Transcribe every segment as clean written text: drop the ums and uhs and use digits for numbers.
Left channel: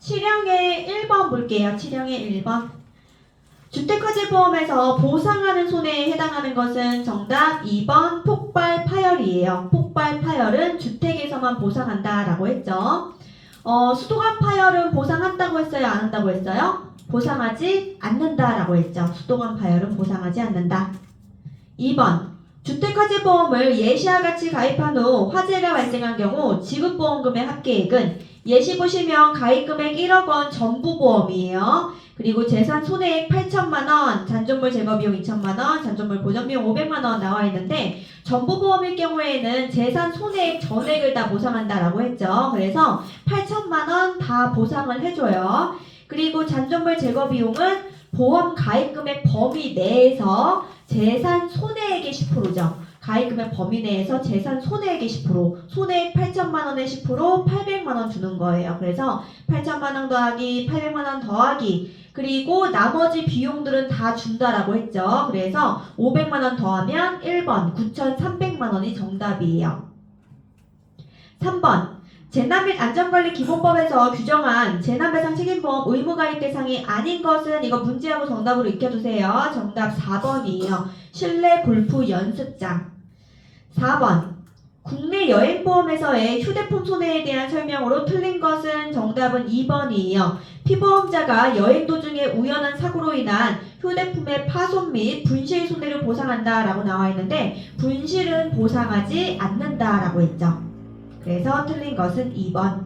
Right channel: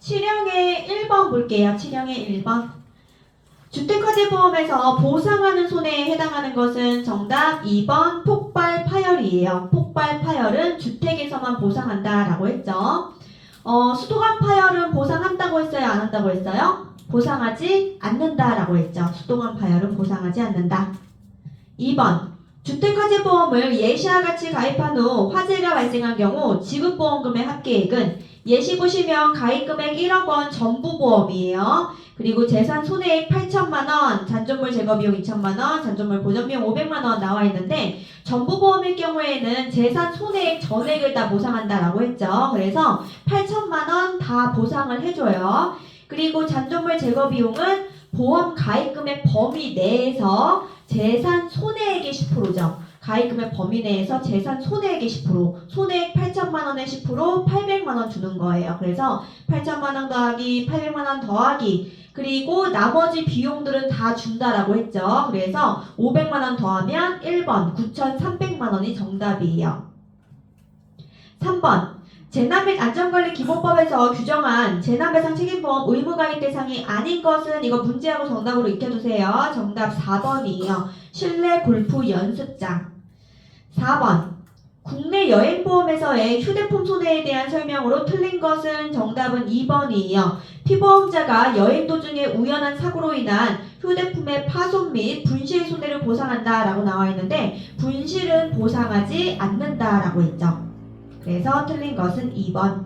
7형의 1번 볼게요. 7형의 1번. 주택화재보험에서 보상하는 손해에 해당하는 것은 정답 2번 폭발 파열이에요. 폭발 파열은 주택에서만 보상한다라고 했죠. 수도관 파열은 보상한다고 했어요? 안 한다고 했어요? 보상하지 않는다라고 했죠. 수도관 파열은 보상하지 않는다. 2번 주택화재보험을 예시와 같이 가입한 후 화재가 발생한 경우 지급보험금의 합계액은 예시 보시면 가입금액 1억 원 전부보험이에요. 그리고 재산 손해액 8천만 원, 잔존물 제거비용 2천만 원, 잔존물 보전비용 500만 원 나와 있는데 전부보험일 경우에는 재산 손해액 전액을 다 보상한다라고 했죠. 그래서 8천만 원 다 보상을 해줘요. 그리고 잔존물 제거비용은 보험 가입금액 범위 내에서 재산 손해액의 10%죠. 가입금액 범위 내에서 재산 손해액의 10%, 손해액 8천만 원의 10% 800만 원 주는 거예요. 그래서 8천만 원 더하기 800만 원 더하기 그리고 나머지 비용들은 다 준다라고 했죠. 그래서 500만 원 더하면 1번 9,300만 원이 정답이에요. 3번 재난 및 안전관리 기본법에서 규정한 재난배상 책임보험 의무가입 대상이 아닌 것은 이거 문제하고 정답으로 익혀두세요. 정답 4번이에요. 실내 골프 연습장. 4번 국내 여행보험에서의 휴대폰 손해에 대한 설명으로 틀린 것은 정답은 2번이에요. 피보험자가 여행 도중에 우연한 사고로 인한 휴대폰의 파손 및 분실 손해를 보상한다라고 나와 있는데 분실은 보상하지 않는다라고 했죠. 그래서 틀린 것은 2번.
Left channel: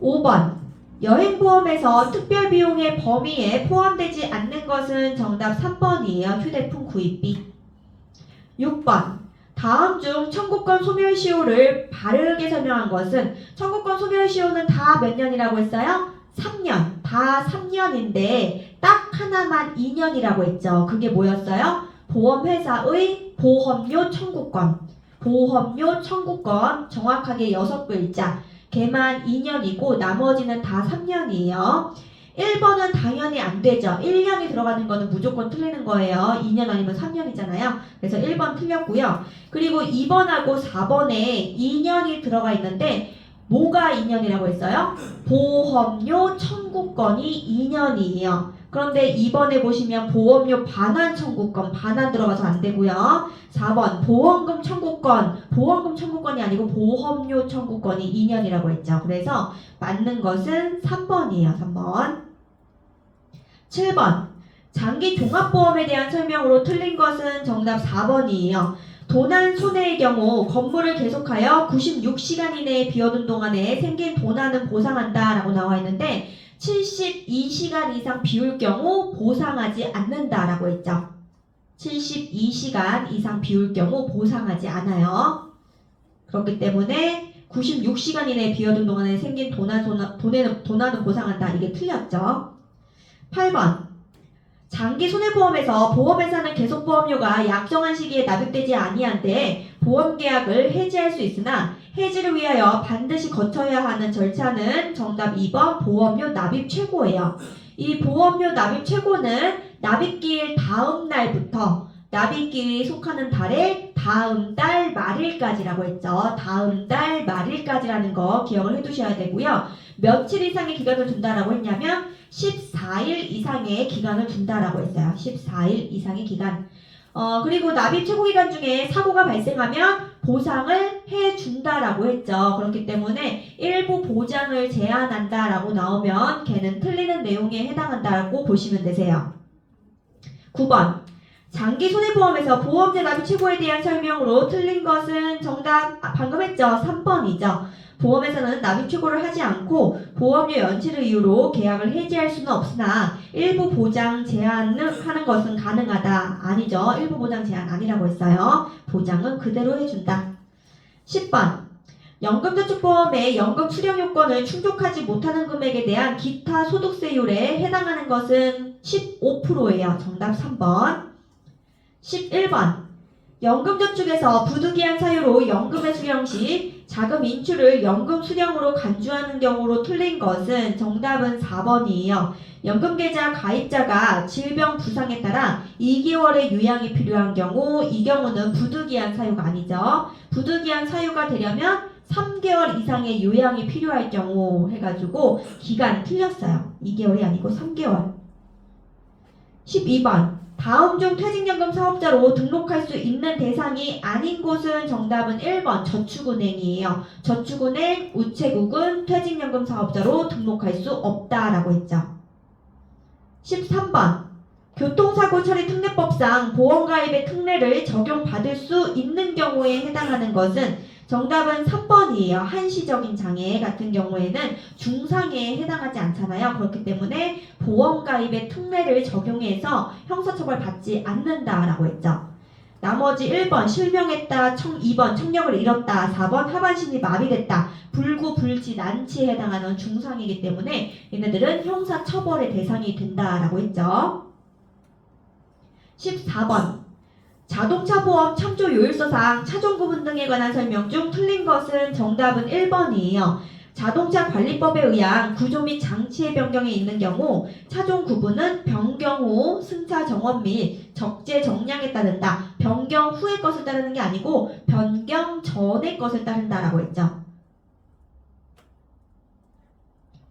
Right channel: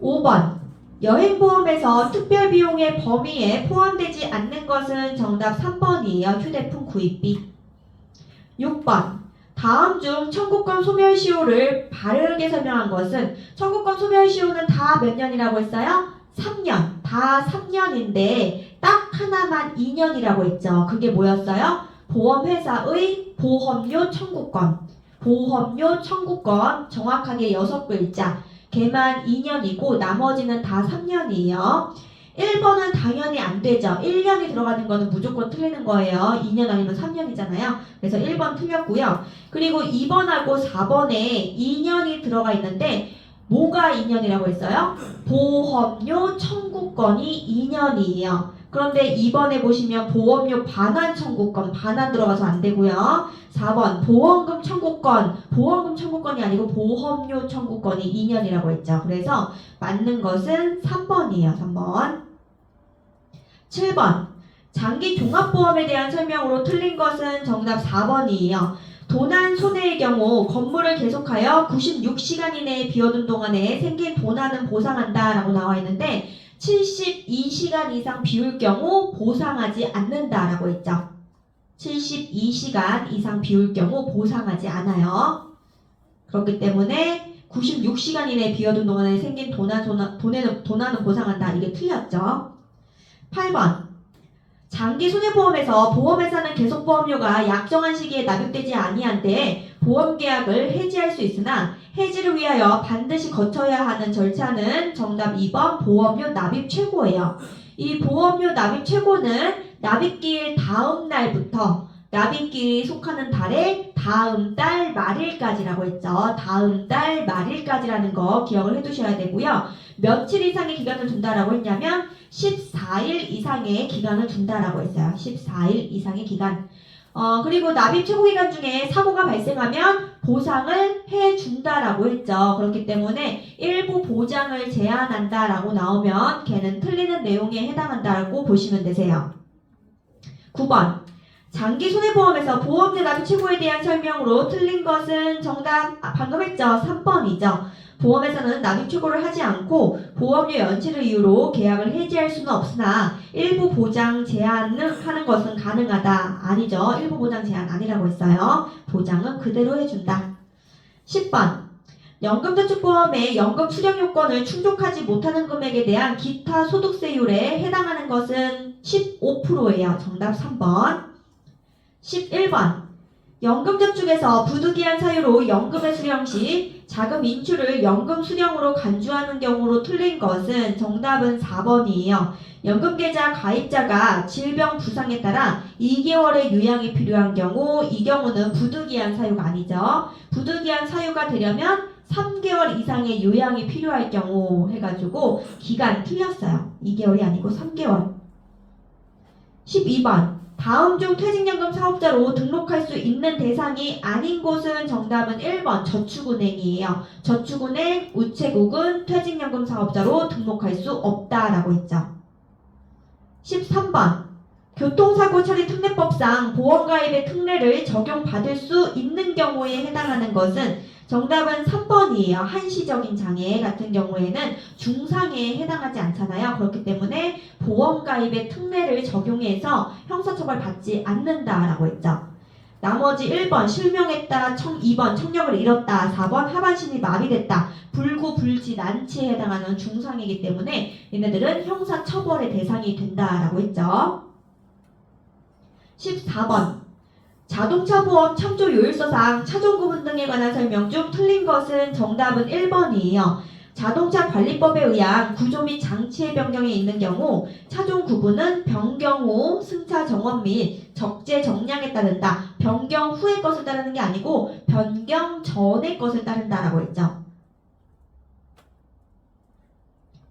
5번 여행보험에서 특별비용의 범위에 포함되지 않는 것은 정답 3번이에요. 휴대폰 구입비. 6번 다음 중 청구권 소멸시효를 바르게 설명한 것은 청구권 소멸시효는 다 몇 년이라고 했어요? 3년. 다 3년인데 딱 하나만 2년이라고 했죠. 그게 뭐였어요? 보험회사의 보험료 청구권. 보험료 청구권 정확하게 6글자 걔만 2년이고 나머지는 다 3년이에요. 1번은 당연히 안 되죠. 1년이 들어가는 거는 무조건 틀리는 거예요. 2년 아니면 3년이잖아요. 그래서 1번 틀렸고요. 그리고 2번하고 4번에 2년이 들어가 있는데 뭐가 2년이라고 했어요? 보험료 청구권이 2년이에요. 그런데 2번에 보시면 보험료 반환 청구권, 반환 들어가서 안 되고요. 4번 보험금 청구권, 보험금 청구권이 아니고 보험료 청구권이 2년이라고 했죠. 그래서 맞는 것은 3번이에요. 3번. 7번 장기 종합보험에 대한 설명으로 틀린 것은 정답 4번이에요. 도난 손해의 경우 건물을 계속하여 96시간 이내에 비워둔 동안에 생긴 도난은 보상한다 라고 나와 있는데 72시간 이상 비울 경우 보상하지 않는다라고 했죠. 72시간 이상 비울 경우 보상하지 않아요. 그렇기 때문에 96시간 이내에 비워둔 동안에 생긴 도난은 보상한다. 이게 틀렸죠. 8번 장기 손해보험에서 보험회사는 계속보험료가 약정한 시기에 납입되지 아니한데 보험계약을 해지할 수 있으나 해지를 위하여 반드시 거쳐야 하는 절차는 정답 2번 보험료 납입 최고예요. 이 보험료 납입 최고는 납입기일 다음 날부터 납입기일에 속하는 달의 다음 달 말일까지라고 했죠. 다음 달 말일까지라는 거 기억을 해두셔야 되고요. 며칠 이상의 기간을 둔다라고 했냐면 14일 이상의 기간을 둔다라고 했어요. 14일 이상의 기간. 그리고 납입 최고기간 중에 사고가 발생하면 보상을 해준다라고 했죠. 그렇기 때문에 일부 보장을 제한한다라고 나오면 걔는 틀리는 내용에 해당한다고 보시면 되세요. 9번 장기 손해보험에서 보험료 납입 최고에 대한 설명으로 틀린 것은 정답 방금 했죠. 3번이죠. 보험회사는 납입 최고를 하지 않고 보험료 연체를 이유로 계약을 해지할 수는 없으나 일부 보장 제한을 하는 것은 가능하다. 아니죠. 일부 보장 제한 아니라고 했어요. 보장은 그대로 해준다. 10번 연금저축보험의 연금 수령 요건을 충족하지 못하는 금액에 대한 기타 소득세율에 해당하는 것은 15%예요. 정답 3번. 11번 연금저축에서 부득이한 사유로 연금의 수령 시 자금 인출을 연금 수령으로 간주하는 경우로 틀린 것은 정답은 4번이에요. 연금계좌 가입자가 질병 부상에 따라 2개월의 요양이 필요한 경우 이 경우는 부득이한 사유가 아니죠. 부득이한 사유가 되려면 3개월 이상의 요양이 필요할 경우 해가지고 기간 틀렸어요. 2개월이 아니고 3개월. 12번 다음 중 퇴직연금 사업자로 등록할 수 있는 대상이 아닌 곳은 정답은 1번 저축은행이에요. 저축은행, 우체국은 퇴직연금 사업자로 등록할 수 없다라고 했죠. 13번 교통사고 처리 특례법상 보험가입의 특례를 적용받을 수 있는 경우에 해당하는 것은 정답은 3번이에요. 한시적인 장애 같은 경우에는 중상해에 해당하지 않잖아요. 그렇기 때문에 보험가입의 특례를 적용해서 형사처벌 받지 않는다라고 했죠. 나머지 1번 실명했다, 2번 청력을 잃었다, 4번 하반신이 마비됐다, 불구, 불지, 난치에 해당하는 중상해이기 때문에 얘네들은 형사처벌의 대상이 된다라고 했죠. 14번 자동차 보험 참조 요율서상 차종 구분 등에 관한 설명 중 틀린 것은 정답은 1번이에요. 자동차 관리법에 의한 구조 및 장치의 변경이 있는 경우 차종 구분은 변경 후 승차 정원 및 적재 정량에 따른다. 변경 후의 것을 따르는 게 아니고 변경 전의 것을 따른다라고 했죠.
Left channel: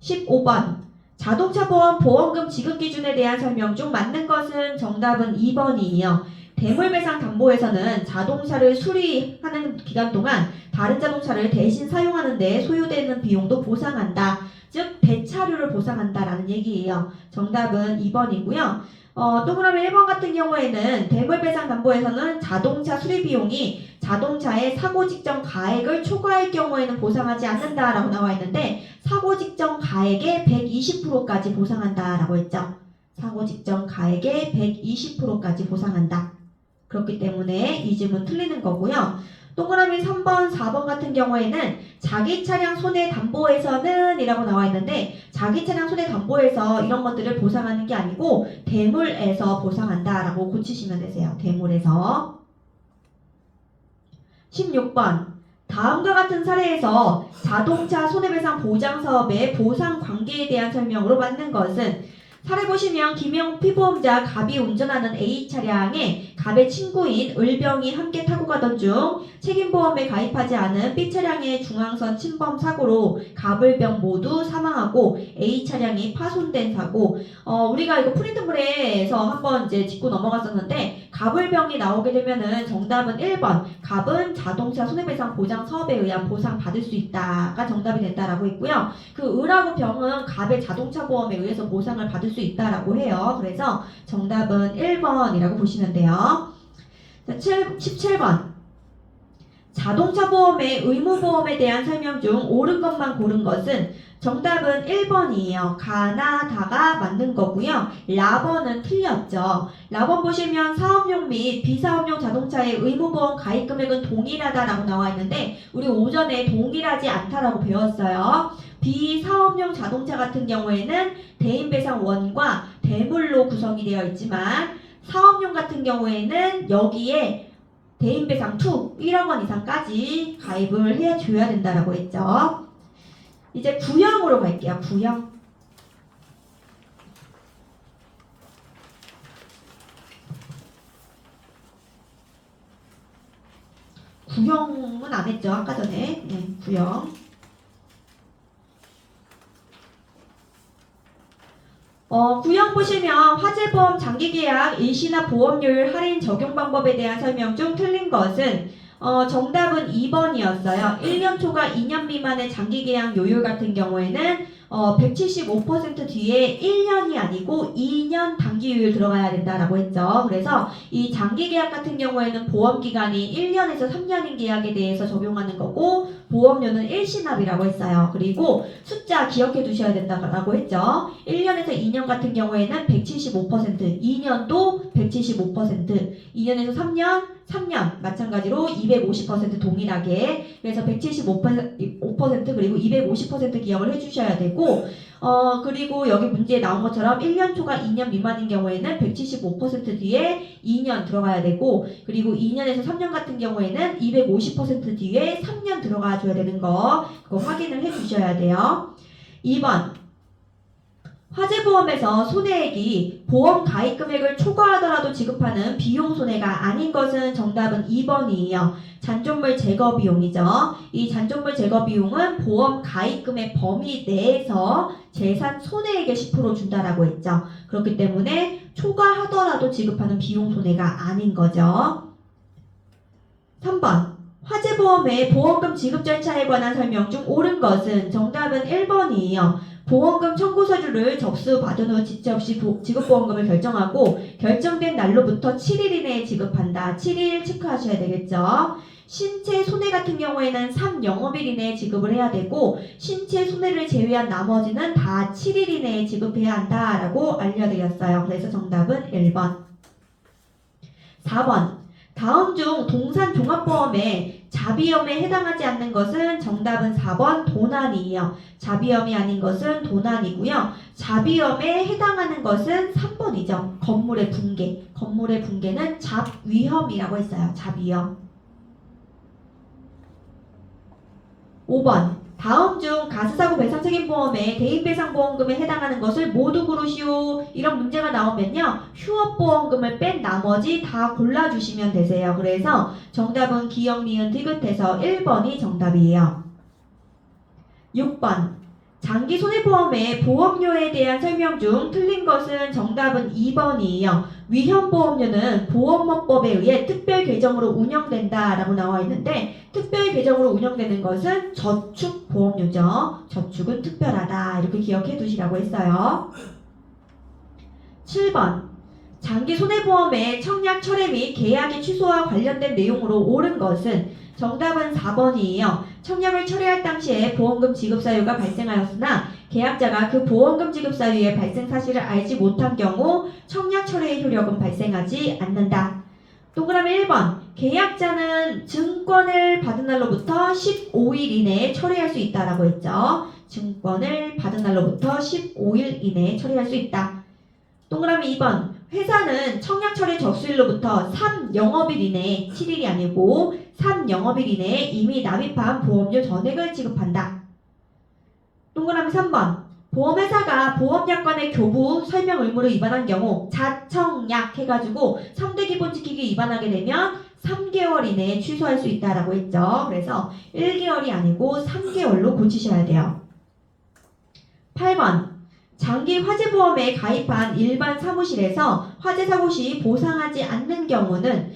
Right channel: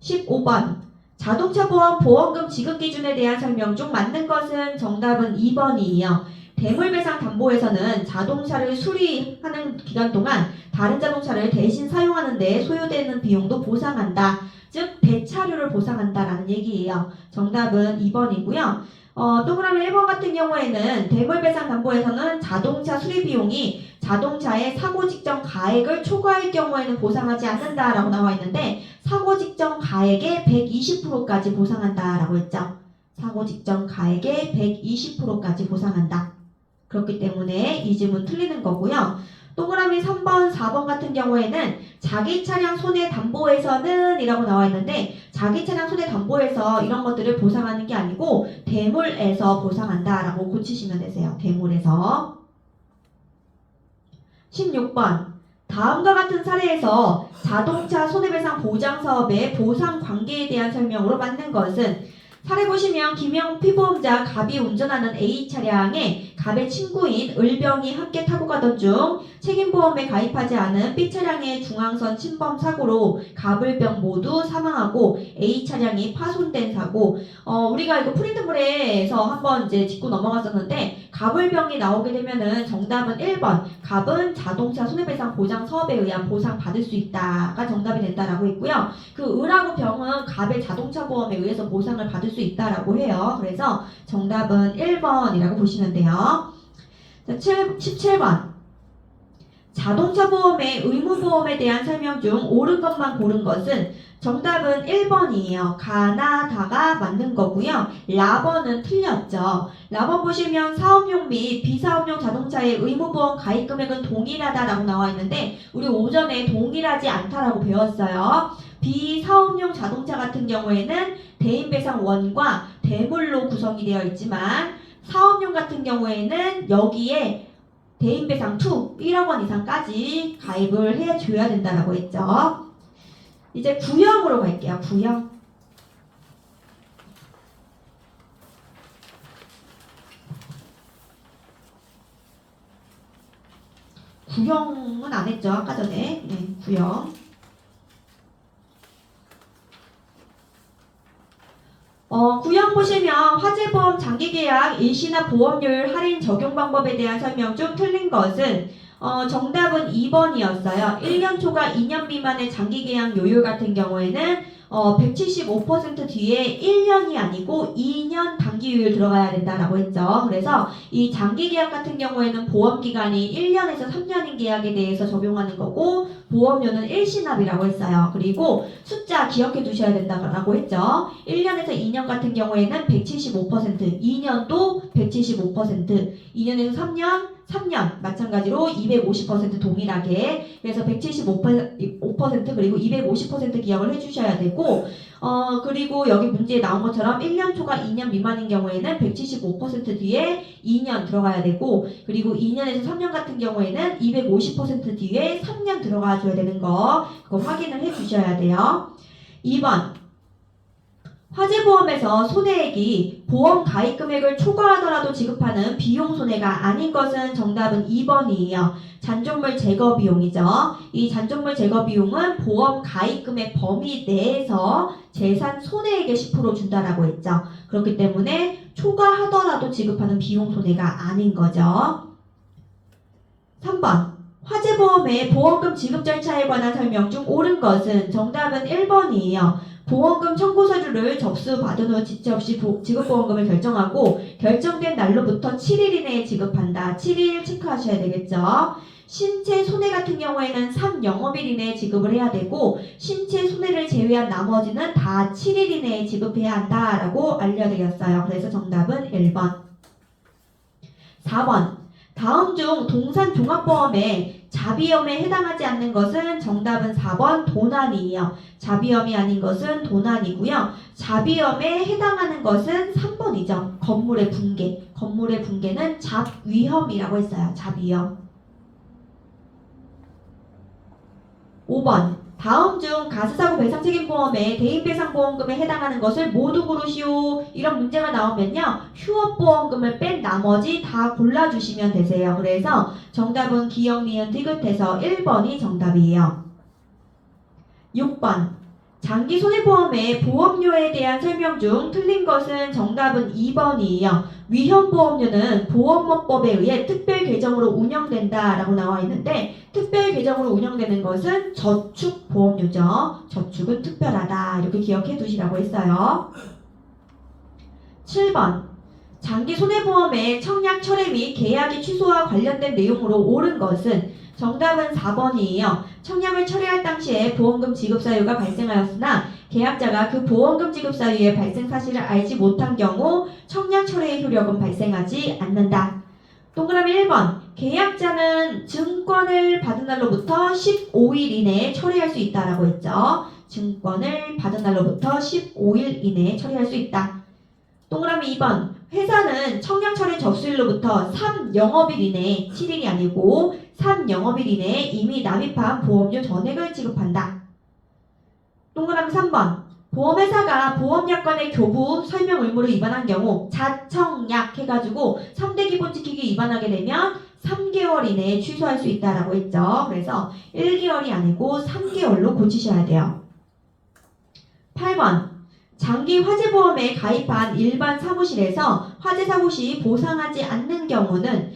15번 자동차 보험 보험금 지급 기준에 대한 설명 중 맞는 것은 정답은 2번이에요. 대물배상 담보에서는 자동차를 수리하는 기간 동안 다른 자동차를 대신 사용하는 데 소요되는 비용도 보상한다. 즉 대차료를 보상한다라는 얘기예요. 정답은 2번이고요. 동그라미 1번 같은 경우에는 대물배상 담보에서는 자동차 수리 비용이 자동차의 사고 직전 가액을 초과할 경우에는 보상하지 않는다라고 나와 있는데 사고 직전 가액의 120%까지 보상한다라고 했죠. 사고 직전 가액의 120%까지 보상한다. 그렇기 때문에 이 질문 틀리는 거고요. 동그라미 3번, 4번 같은 경우에는 자기 차량 손해담보에서는 이라고 나와 있는데 자기 차량 손해담보에서 이런 것들을 보상하는 게 아니고 대물에서 보상한다라고 고치시면 되세요. 대물에서. 16번 다음과 같은 사례에서 자동차 손해배상 보장사업의 보상 관계에 대한 설명으로 맞는 것은 사례 보시면 김영 피보험자 갑이 운전하는 A 차량에 갑의 친구인 을병이 함께 타고 가던 중 책임보험에 가입하지 않은 B 차량의 중앙선 침범 사고로 갑을병 모두 사망하고 A 차량이 파손된 사고. 우리가 이거 프린트물에서 한번 이제 짚고 넘어갔었는데 갑을병이 나오게 되면은 정답은 1번 갑은 자동차 손해배상 보장 사업에 의한 보상 받을 수 있다가 정답이 된다라고 했고요. 그 을하고 병은 갑의 자동차 보험에 의해서 보상을 받을 수 있다라고 해요. 그래서 정답은 1번이라고 보시면 돼요. 자, 17번 자동차 보험의 의무보험에 대한 설명 중 옳은 것만 고른 것은 정답은 1번이에요. 가나 다가 맞는 거고요. 라번은 틀렸죠. 라번 보시면 사업용 및 비사업용 자동차의 의무보험 가입 금액은 동일하다라고 나와 있는데 우리 오전에 동일하지 않다라고 배웠어요. 비사업용 자동차 같은 경우에는 대인배상원과 대물로 구성이 되어 있지만 사업용 같은 경우에는 여기에 대인배상 2, 1억 원 이상까지 가입을 해줘야 된다라고 했죠. 이제 구형으로 갈게요. 구형. 구형은 안 했죠. 아까 전에. 네, 구형. 구형 보시면 화재보험 장기계약 일시납 보험료율 할인 적용 방법에 대한 설명 중 틀린 것은 정답은 2번이었어요. 1년 초과 2년 미만의 장기계약 요율 같은 경우에는 175% 뒤에 1년이 아니고 2년 단기요율 들어가야 된다라고 했죠. 그래서 이 장기계약 같은 경우에는 보험기간이 1년에서 3년인 계약에 대해서 적용하는 거고 보험료는 일시납이라고 했어요. 그리고 숫자 기억해 두셔야 된다고 했죠. 1년에서 2년 같은 경우에는 175%, 2년도 175%, 2년에서 3년 마찬가지로 250% 동일하게 그래서 175% 그리고 250% 기억을 해주셔야 되고 그리고 여기 문제에 나온 것처럼 1년 초과 2년 미만인 경우에는 175% 뒤에 2년 들어가야 되고 그리고 2년에서 3년 같은 경우에는 250% 뒤에 3년 들어가 줘야 되는 거 그거 확인을 해주셔야 돼요. 2번 화재보험에서 손해액이 보험 가입 금액을 초과하더라도 지급하는 비용 손해가 아닌 것은 정답은 2번이에요. 잔존물 제거 비용이죠. 이 잔존물 제거 비용은 보험 가입 금액 범위 내에서 재산 손해액의 10% 준다라고 했죠. 그렇기 때문에 초과하더라도 지급하는 비용 손해가 아닌 거죠. 3번. 화재보험의 보험금 지급 절차에 관한 설명 중 옳은 것은 정답은 1번이에요. 보험금 청구서류를 접수받은 후 지체 없이 지급보험금을 결정하고 결정된 날로부터 7일 이내에 지급한다. 7일 체크하셔야 되겠죠. 신체 손해 같은 경우에는 3영업일 이내에 지급을 해야 되고 신체 손해를 제외한 나머지는 다 7일 이내에 지급해야 한다라고 알려드렸어요. 그래서 정답은 1번. 4번. 다음 중 동산 종합보험에 자비험에 해당하지 않는 것은 정답은 4번 도난이에요. 자비험이 아닌 것은 도난이고요. 자비험에 해당하는 것은 3번이죠. 건물의 붕괴. 건물의 붕괴는 잡위험이라고 했어요. 잡위험. 5번. 다음 중 가스사고 배상책임보험의 대인배상보험금에 해당하는 것을 모두 고르시오. 이런 문제가 나오면요. 휴업보험금을 뺀 나머지 다 골라주시면 되세요. 그래서 정답은 기역, 니은, 디귿해서 1번이 정답이에요. 6번. 장기 손해보험의 보험료에 대한 설명 중 틀린 것은 정답은 2번이에요. 위험보험료는 보험업법에 의해 특별 계정으로 운영된다 라고 나와 있는데 특별 계정으로 운영되는 것은 저축보험료죠. 저축은 특별하다 이렇게 기억해 두시라고 했어요. 7번. 장기 손해보험의 청약 철회 및 계약의 취소와 관련된 내용으로 옳은 것은 정답은 4번이에요. 청약을 철회할 당시에 보험금 지급 사유가 발생하였으나 계약자가 그 보험금 지급 사유의 발생 사실을 알지 못한 경우 청약 철회의 효력은 발생하지 않는다. 동그라미 1번. 계약자는 증권을 받은 날로부터 15일 이내에 처리할 수 있다라고 했죠. 증권을 받은 날로부터 15일 이내에 처리할 수 있다. 동그라미 2번. 회사는 청약 철회 접수일로부터 3영업일 이내에 7일이 아니고 3영업일 이내에 이미 납입한 보험료 전액을 지급한다. 동그라미 3번. 보험회사가 보험약관의 교부 설명 의무를 위반한 경우 자청약 해가지고 3대 기본 지키기 위반하게 되면 3개월 이내에 취소할 수 있다라고 했죠. 그래서 1개월이 아니고 3개월로 고치셔야 돼요. 8번. 장기 화재보험에 가입한 일반 사무실에서 화재 사고 시 보상하지 않는 경우는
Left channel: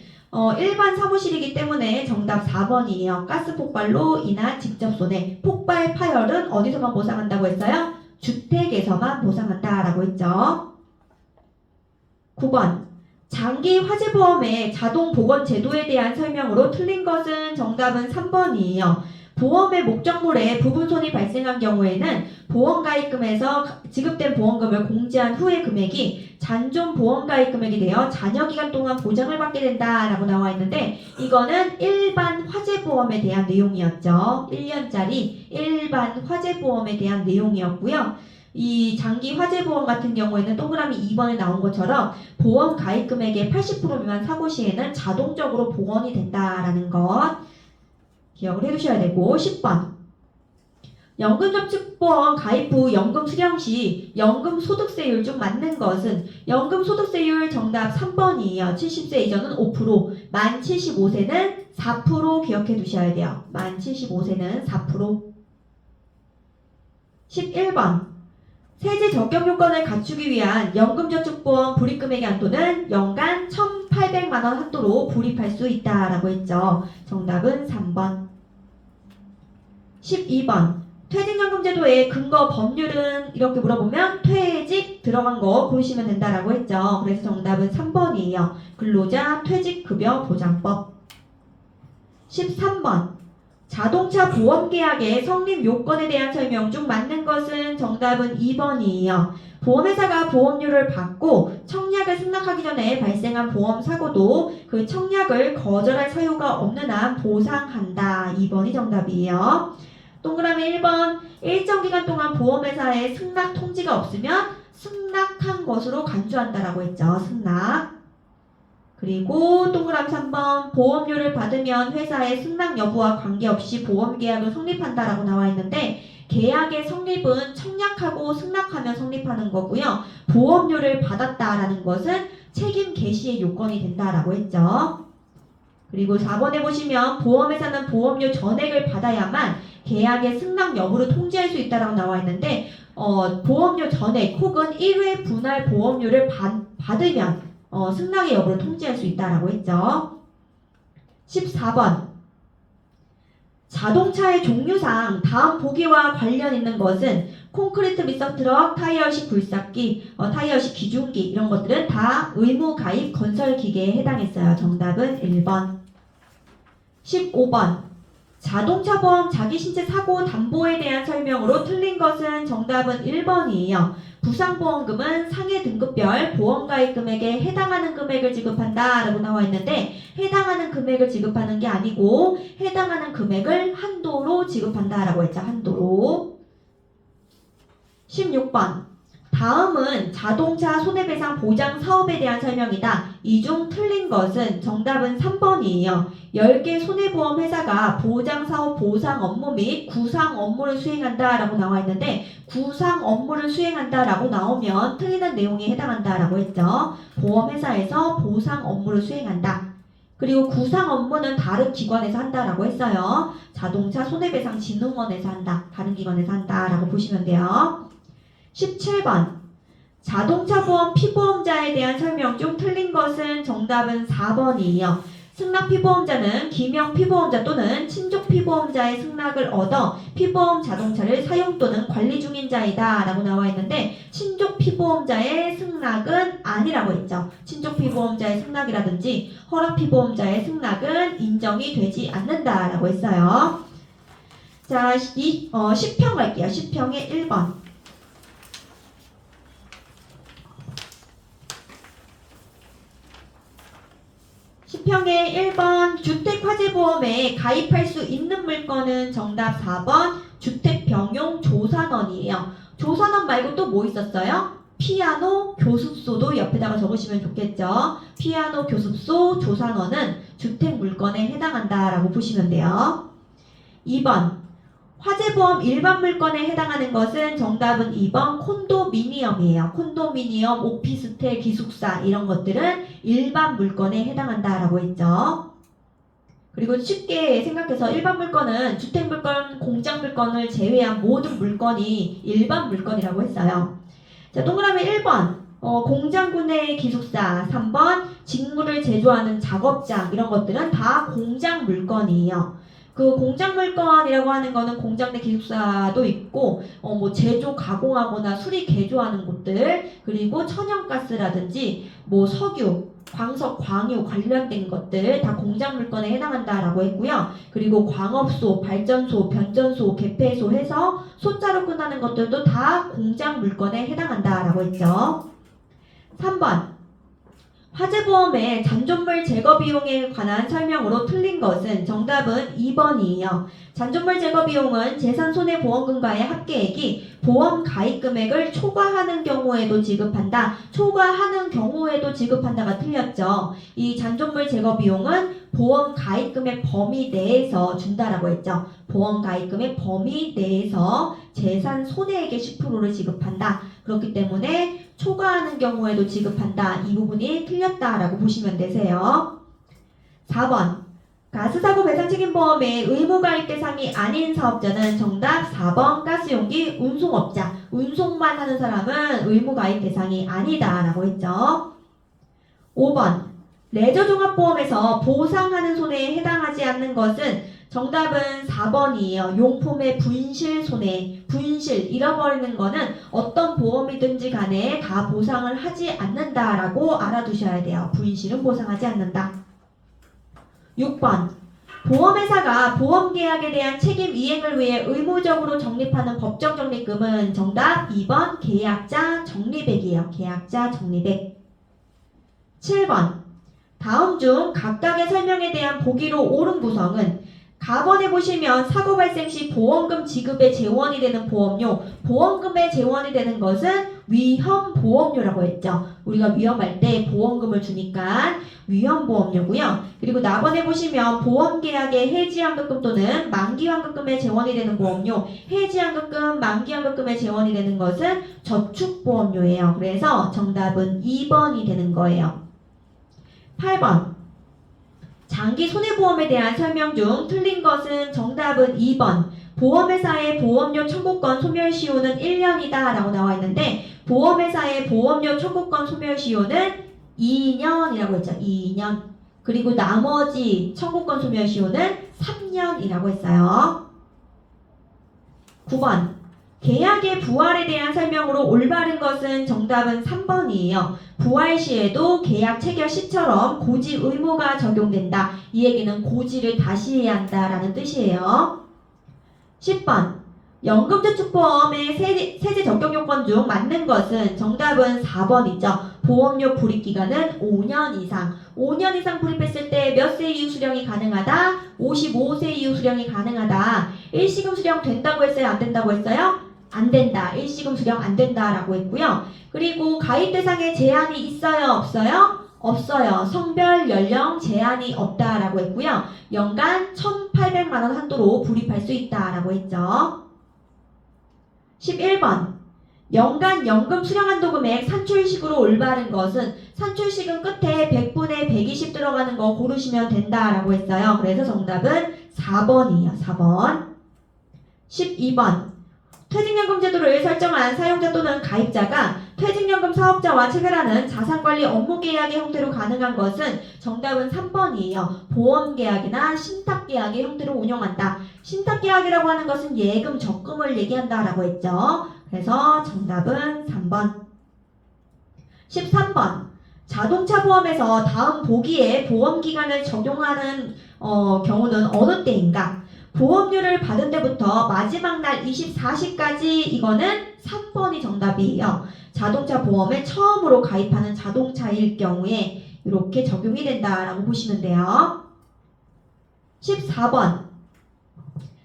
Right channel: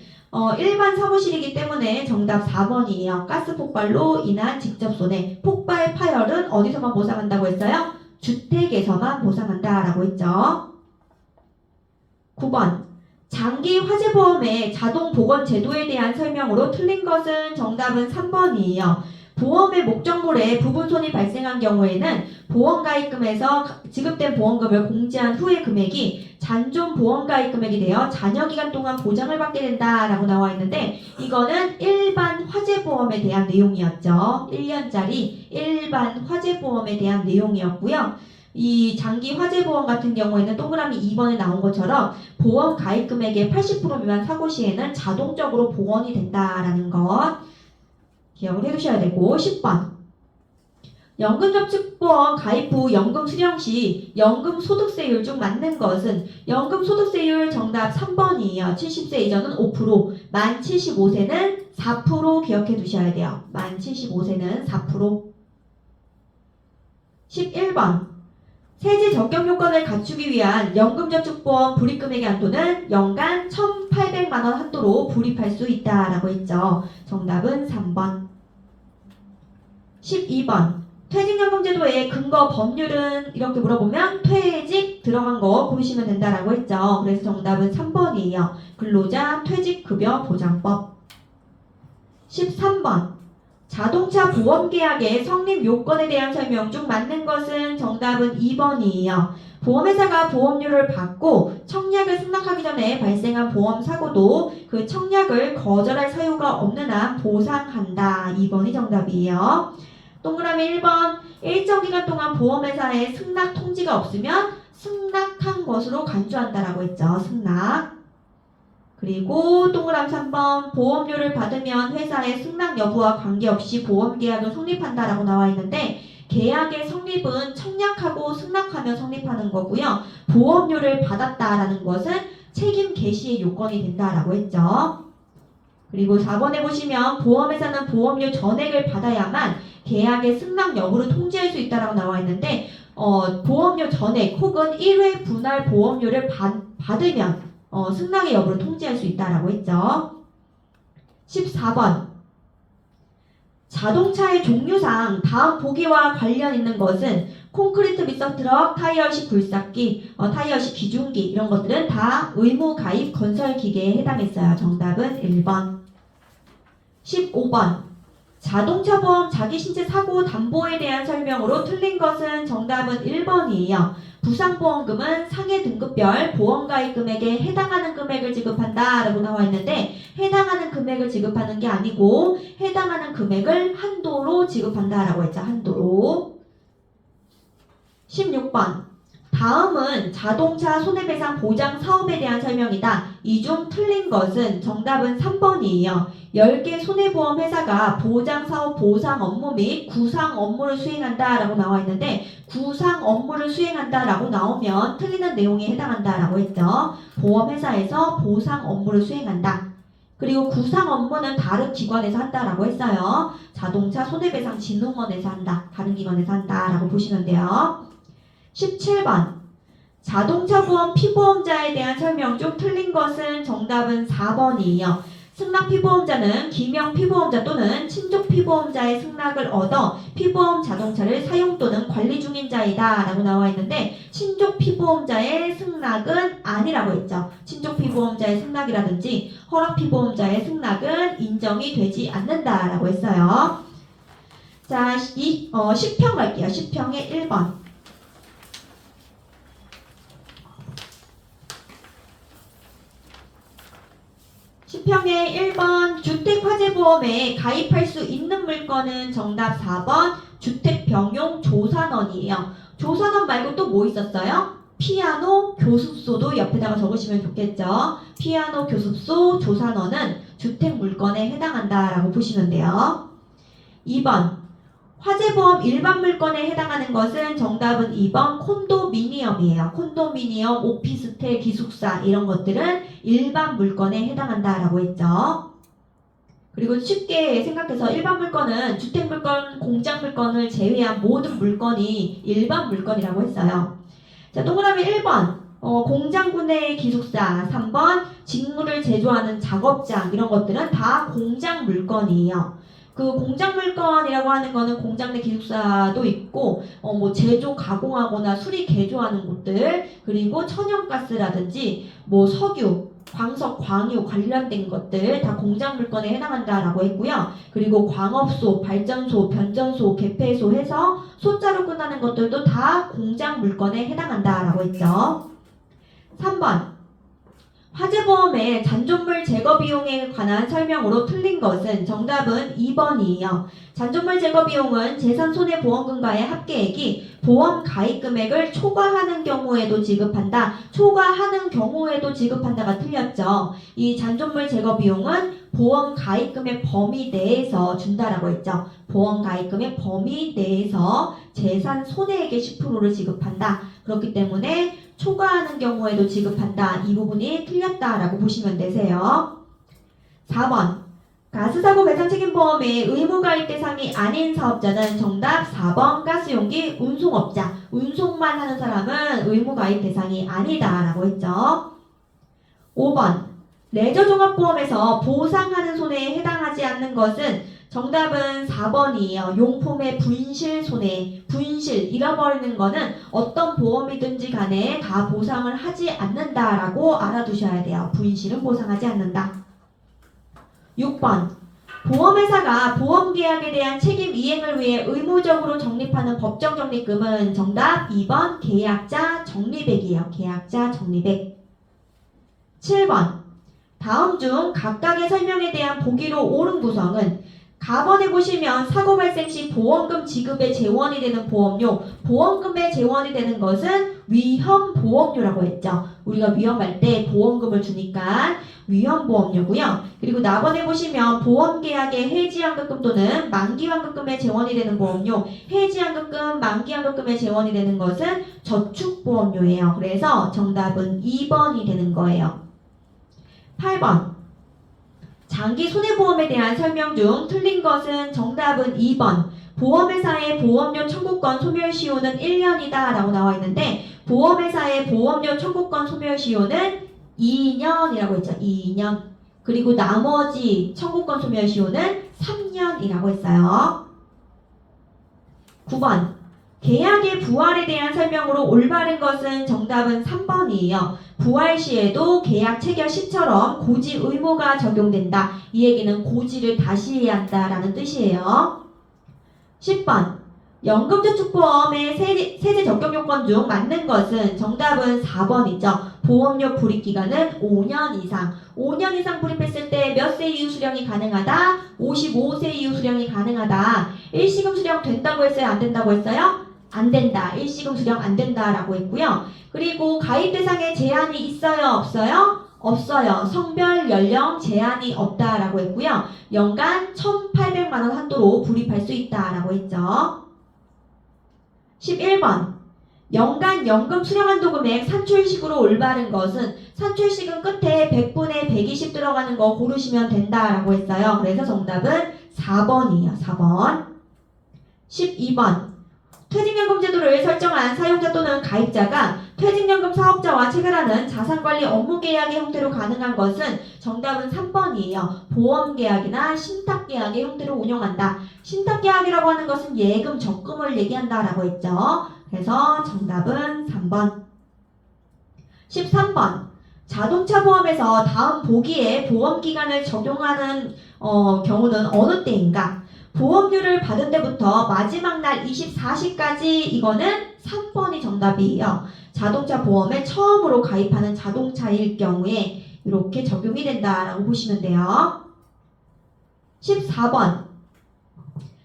일반 사무실이기 때문에 정답 4번이에요. 가스 폭발로 인한 직접 손해. 폭발 파열은 어디서만 보상한다고 했어요? 주택에서만 보상한다라고 했죠. 9번. 장기 화재보험의 자동 보건 제도에 대한 설명으로 틀린 것은 정답은 3번이에요. 보험의 목적물에 부분 손이 발생한 경우에는 보험가입금에서 지급된 보험금을 공제한 후의 금액이 잔존 보험가입 금액이 되어 잔여기간 동안 보장을 받게 된다라고 나와 있는데 이거는 일반 화재보험에 대한 내용이었죠. 1년짜리 일반 화재보험에 대한 내용이었고요. 이 장기 화재보험 같은 경우에는 동그라미 2번에 나온 것처럼 보험 가입 금액의 80% 미만 사고 시에는 자동적으로 복원이 된다라는 것 기억을 해두셔야 되고 10번. 연금저축보험 가입 후 연금 수령 시 연금소득세율 중 맞는 것은 연금소득세율 정답 3번이에요. 70세 이전은 5%, 만 75세는 4% 기억해 두셔야 돼요. 만 75세는 4%. 11번. 세제 적격 요건을 갖추기 위한 연금저축보험 불입금액의 한도는 연간 1,800만원 한도로 불입할 수 있다라고 했죠. 정답은 3번. 12번. 퇴직연금제도의 근거 법률은 이렇게 물어보면 퇴직 들어간 거 고르시면 된다라고 했죠. 그래서 정답은 3번이에요. 근로자 퇴직급여보장법. 13번. 자동차 보험계약의 성립 요건에 대한 설명 중 맞는 것은 정답은 2번이에요. 보험회사가 보험료를 받고 청약을 승낙하기 전에 발생한 보험사고도 그 청약을 거절할 사유가 없는 한 보상한다. 2번이 정답이에요. 동그라미 1번. 일정 기간 동안 보험회사에 승낙 통지가 없으면 승낙한 것으로 간주한다라고 했죠. 승낙. 그리고 동그라미 3번. 보험료를 받으면 회사의 승낙 여부와 관계없이 보험계약을 성립한다라고 나와 있는데 계약의 성립은 청약하고 하고 승낙하면 성립하는 거고요. 보험료를 받았다라는 것은 책임 개시의 요건이 된다라고 했죠. 그리고 4번에 보시면 보험회사는 보험료 전액을 받아야만 계약의 승낙 여부를 통지할 수 있다라고 나와 있는데 보험료 전액 혹은 1회 분할 보험료를 받으면 승낙의 여부를 통지할 수 있다라고 했죠. 14번 자동차의 종류상 다음 보기와 관련 있는 것은 콘크리트 믹서 트럭, 타이어식 굴삭기, 타이어식 기중기 이런 것들은 다 의무 가입 건설 기계에 해당했어요. 정답은 1번. 15번 자동차 보험 자기 신체 사고 담보에 대한 설명으로 틀린 것은 정답은 1번이에요. 부상보험금은 상해 등급별 보험가입 금액에 해당하는 금액을 지급한다 라고 나와 있는데 해당하는 금액을 지급하는 게 아니고 해당하는 금액을 한도로 지급한다 라고 했죠. 한도로. 16번 다음은 자동차 손해배상 보장 사업에 대한 설명이다. 이 중 틀린 것은 정답은 3번이에요. 10개 손해보험 회사가 보장사업 보상 업무 및 구상 업무를 수행한다 라고 나와 있는데 구상 업무를 수행한다 라고 나오면 틀리는 내용에 해당한다 라고 했죠. 보험회사에서 보상 업무를 수행한다. 그리고 구상 업무는 다른 기관에서 한다 라고 했어요. 자동차 손해배상진흥원에서 한다. 다른 기관에서 한다 라고 보시면 돼요. 17번 자동차 보험 피보험자에 대한 설명 중 틀린 것은 정답은 4번이에요. 승낙 피보험자는 기명 피보험자 또는 친족 피보험자의 승낙을 얻어 피보험 자동차를 사용 또는 관리 중인 자이다 라고 나와 있는데 친족 피보험자의 승낙은 아니라고 했죠. 친족 피보험자의 승낙이라든지 허락 피보험자의 승낙은 인정이 되지 않는다 라고 했어요. 자, 10평 갈게요. 10평의 1번. 10평의 1번 주택화재보험에 가입할 수 있는 물건은 정답 4번 주택병용 조산원이에요. 조산원 말고 또 뭐 있었어요? 피아노, 교습소도 옆에다가 적으시면 좋겠죠. 피아노, 교습소, 조산원은 주택물건에 해당한다라고 보시면 돼요. 2번 화재보험 일반 물건에 해당하는 것은 정답은 2번 콘도미니엄이에요. 콘도미니엄, 오피스텔, 기숙사 이런 것들은 일반 물건에 해당한다라고 했죠. 그리고 쉽게 생각해서 일반 물건은 주택물건, 공장물건을 제외한 모든 물건이 일반 물건이라고 했어요. 자, 동그라미 1번 공장군의 기숙사, 3번 직물을 제조하는 작업장 이런 것들은 다 공장 물건이에요. 그 공장 물건이라고 하는 거는 공장 내 기숙사도 있고 뭐 제조 가공하거나 수리 개조하는 곳들 그리고 천연가스라든지 뭐 석유, 광석, 광유 관련된 것들 다 공장 물건에 해당한다라고 했고요. 그리고 광업소, 발전소, 변전소, 개폐소 해서 소자로 끝나는 것들도 다 공장 물건에 해당한다라고 했죠. 3번 화재보험의 잔존물 제거 비용에 관한 설명으로 틀린 것은 정답은 2번이에요. 잔존물 제거 비용은 재산손해보험금과의 합계액이 보험 가입 금액을 초과하는 경우에도 지급한다. 초과하는 경우에도 지급한다가 틀렸죠. 이 잔존물 제거 비용은 보험 가입 금액 범위 내에서 준다라고 했죠. 보험 가입 금액 범위 내에서 재산 손해액의 10%를 지급한다. 그렇기 때문에 초과하는 경우에도 지급한다. 이 부분이 틀렸다라고 보시면 되세요. 4번 가스사고 배상책임보험의 의무가입 대상이 아닌 사업자는 정답 4번 가스용기 운송업자. 운송만 하는 사람은 의무가입 대상이 아니다라고 했죠. 5번 레저종합보험에서 보상하는 손해에 해당하지 않는 것은 정답은 4번이에요. 용품의 분실 손해, 분실, 잃어버리는 거는 어떤 보험이든지 간에 다 보상을 하지 않는다라고 알아두셔야 돼요. 분실은 보상하지 않는다. 6번 보험회사가 보험계약에 대한 책임 이행을 위해 의무적으로 적립하는 법정 적립금은 정답 2번 계약자 적립액이에요. 계약자 적립액. 7번 다음 중 각각의 설명에 대한 보기로 옳은 구성은 가번에 보시면 사고 발생 시 보험금 지급의 재원이 되는 보험료, 보험금의 재원이 되는 것은 위험보험료라고 했죠. 우리가 위험할 때 보험금을 주니까 위험보험료고요. 그리고 나번에 보시면 보험계약의 해지환급금 또는 만기환급금의 재원이 되는 보험료, 해지환급금, 만기환급금의 재원이 되는 것은 저축보험료예요. 그래서 정답은 2번이 되는 거예요. 8번. 장기 손해보험에 대한 설명 중 틀린 것은 정답은 2번. 보험회사의 보험료 청구권 소멸시효는 1년이다 라고 나와 있는데 보험회사의 보험료 청구권 소멸시효는 2년이라고 했죠. 2년. 그리고 나머지 청구권 소멸시효는 3년이라고 했어요. 9번. 계약의 부활에 대한 설명으로 올바른 것은 정답은 3번이에요. 부활 시에도 계약 체결 시처럼 고지 의무가 적용된다. 이 얘기는 고지를 다시 해야 한다라는 뜻이에요. 10번. 연금저축보험의 세제 적용 요건 중 맞는 것은 정답은 4번이죠. 보험료 불입 기간은 5년 이상. 5년 이상 불입했을 때 몇 세 이후 수령이 가능하다? 55세 이후 수령이 가능하다. 일시금 수령 된다고 했어요? 안 된다고 했어요? 안 된다. 일시금 수령 안 된다라고 했고요. 그리고 가입 대상에 제한이 있어요? 없어요? 없어요. 성별, 연령 제한이 없다라고 했고요. 연간 1,800만 원 한도로 불입할 수 있다라고 했죠. 11번. 연간 연금 수령 한도 금액 산출식으로 올바른 것은 산출식은 끝에 100분의 120 들어가는 거 고르시면 된다라고 했어요. 그래서 정답은 4번이에요. 4번. 12번. 퇴직연금 제도를 설정한 사용자 또는 가입자가 퇴직연금 사업자와 체결하는 자산관리 업무계약의 형태로 가능한 것은 정답은 3번이에요. 보험계약이나 신탁계약의 형태로 운영한다. 신탁계약이라고 하는 것은 예금, 적금을 얘기한다라고 했죠. 그래서 정답은 3번. 13번. 자동차 보험에서 다음 보기에 보험기간을 적용하는 경우는 어느 때인가? 보험료를 받은 때부터 마지막 날 24시까지 이거는 3번이 정답이에요. 자동차 보험에 처음으로 가입하는 자동차일 경우에 이렇게 적용이 된다라고 보시면 돼요. 14번.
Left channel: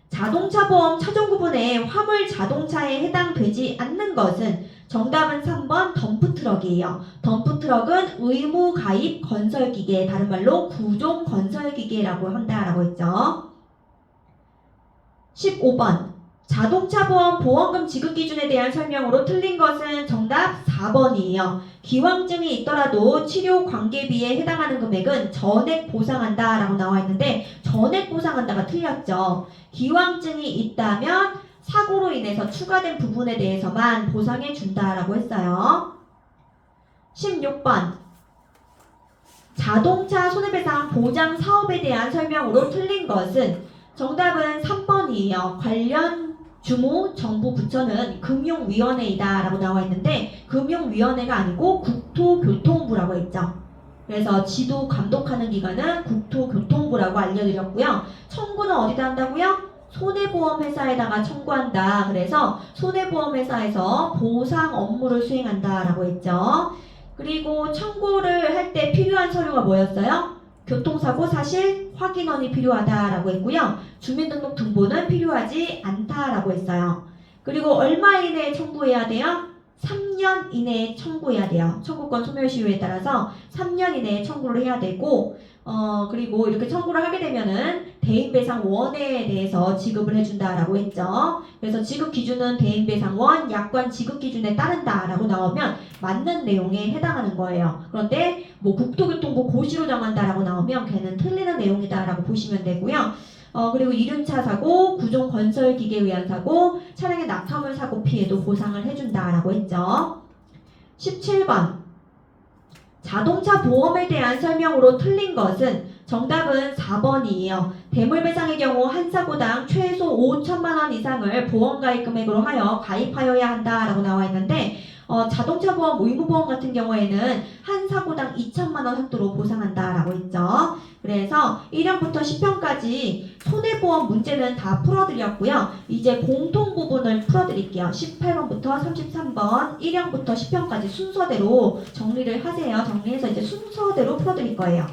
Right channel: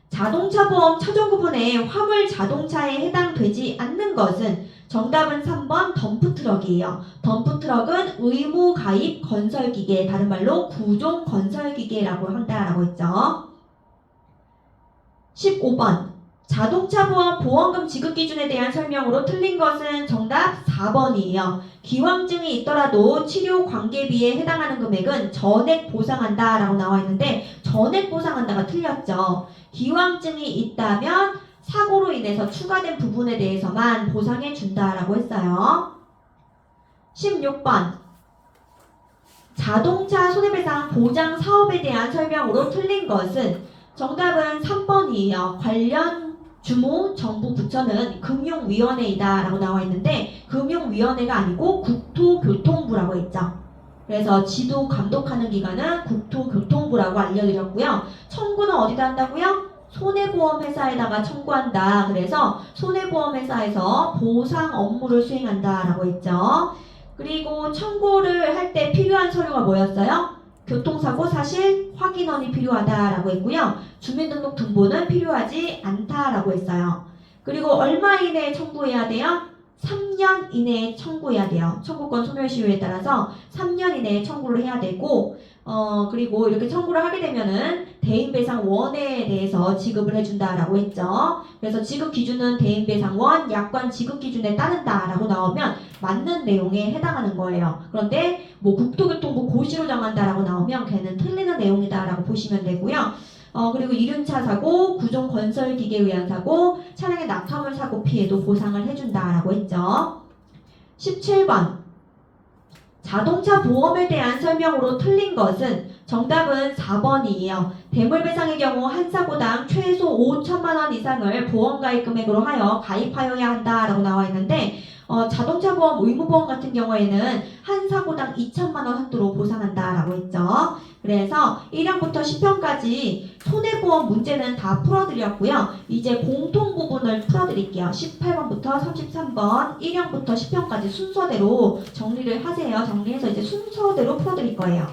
자동차 보험 차종 구분에 화물 자동차에 해당되지 않는 것은 정답은 3번 덤프트럭이에요. 덤프트럭은 의무 가입 건설기계, 다른 말로 구종 건설기계라고 한다라고 했죠. 15번. 자동차 보험 보험금 지급 기준에 대한 설명으로 틀린 것은 정답 4번이에요. 기왕증이 있더라도 치료 관계비에 해당하는 금액은 전액 보상한다 라고 나와 있는데 전액 보상한다가 틀렸죠. 기왕증이 있다면 사고로 인해서 추가된 부분에 대해서만 보상해 준다라고 했어요. 16번. 자동차 손해배상 보장 사업에 대한 설명으로 틀린 것은 정답은 3번이에요. 관련 주무 정부 부처는 금융위원회이다 라고 나와 있는데 금융위원회가 아니고 국토교통부라고 했죠. 그래서 지도 감독하는 기관은 국토교통부라고 알려드렸고요. 청구는 어디다 한다고요? 손해보험회사에다가 청구한다. 그래서 손해보험회사에서 보상 업무를 수행한다 라고 했죠. 그리고 청구를 할 때 필요한 서류가 뭐였어요? 교통사고 사실 확인원이 필요하다라고 했고요. 주민등록 등본은 필요하지 않다라고 했어요. 그리고 얼마 이내에 청구해야 돼요? 3년 이내에 청구해야 돼요. 청구권 소멸시효에 따라서 3년 이내에 청구를 해야 되고 그리고 이렇게 청구를 하게 되면은 대인배상원에 대해서 지급을 해준다라고 했죠. 그래서 지급 기준은 대인배상원 약관 지급 기준에 따른다라고 나오면 맞는 내용에 해당하는 거예요. 그런데 뭐 국토교통부 고시로 정한다라고 나오면 걔는 틀리는 내용이다라고 보시면 되고요. 그리고 이륜차 사고, 구종 건설 기계에 의한 사고, 차량의 낙하물 사고 피해도 보상을 해준다라고 했죠. 17번. 자동차 보험에 대한 설명으로 틀린 것은 정답은 4번이에요. 대물배상의 경우 한 사고당 최소 5천만 원 이상을 보험가입 금액으로 하여 가입하여야 한다라고 나와 있는데 자동차 보험, 의무보험 같은 경우에는 한 사고당 2천만 원 한도로 보상한다라고 했죠. 그래서 1형부터 10형까지 손해보험 문제는 다 풀어드렸고요. 이제 공통 부분을 풀어드릴게요. 18번부터 33번 1형부터 10형까지 순서대로 정리를 하세요. 정리해서 이제 순서대로 풀어드릴 거예요.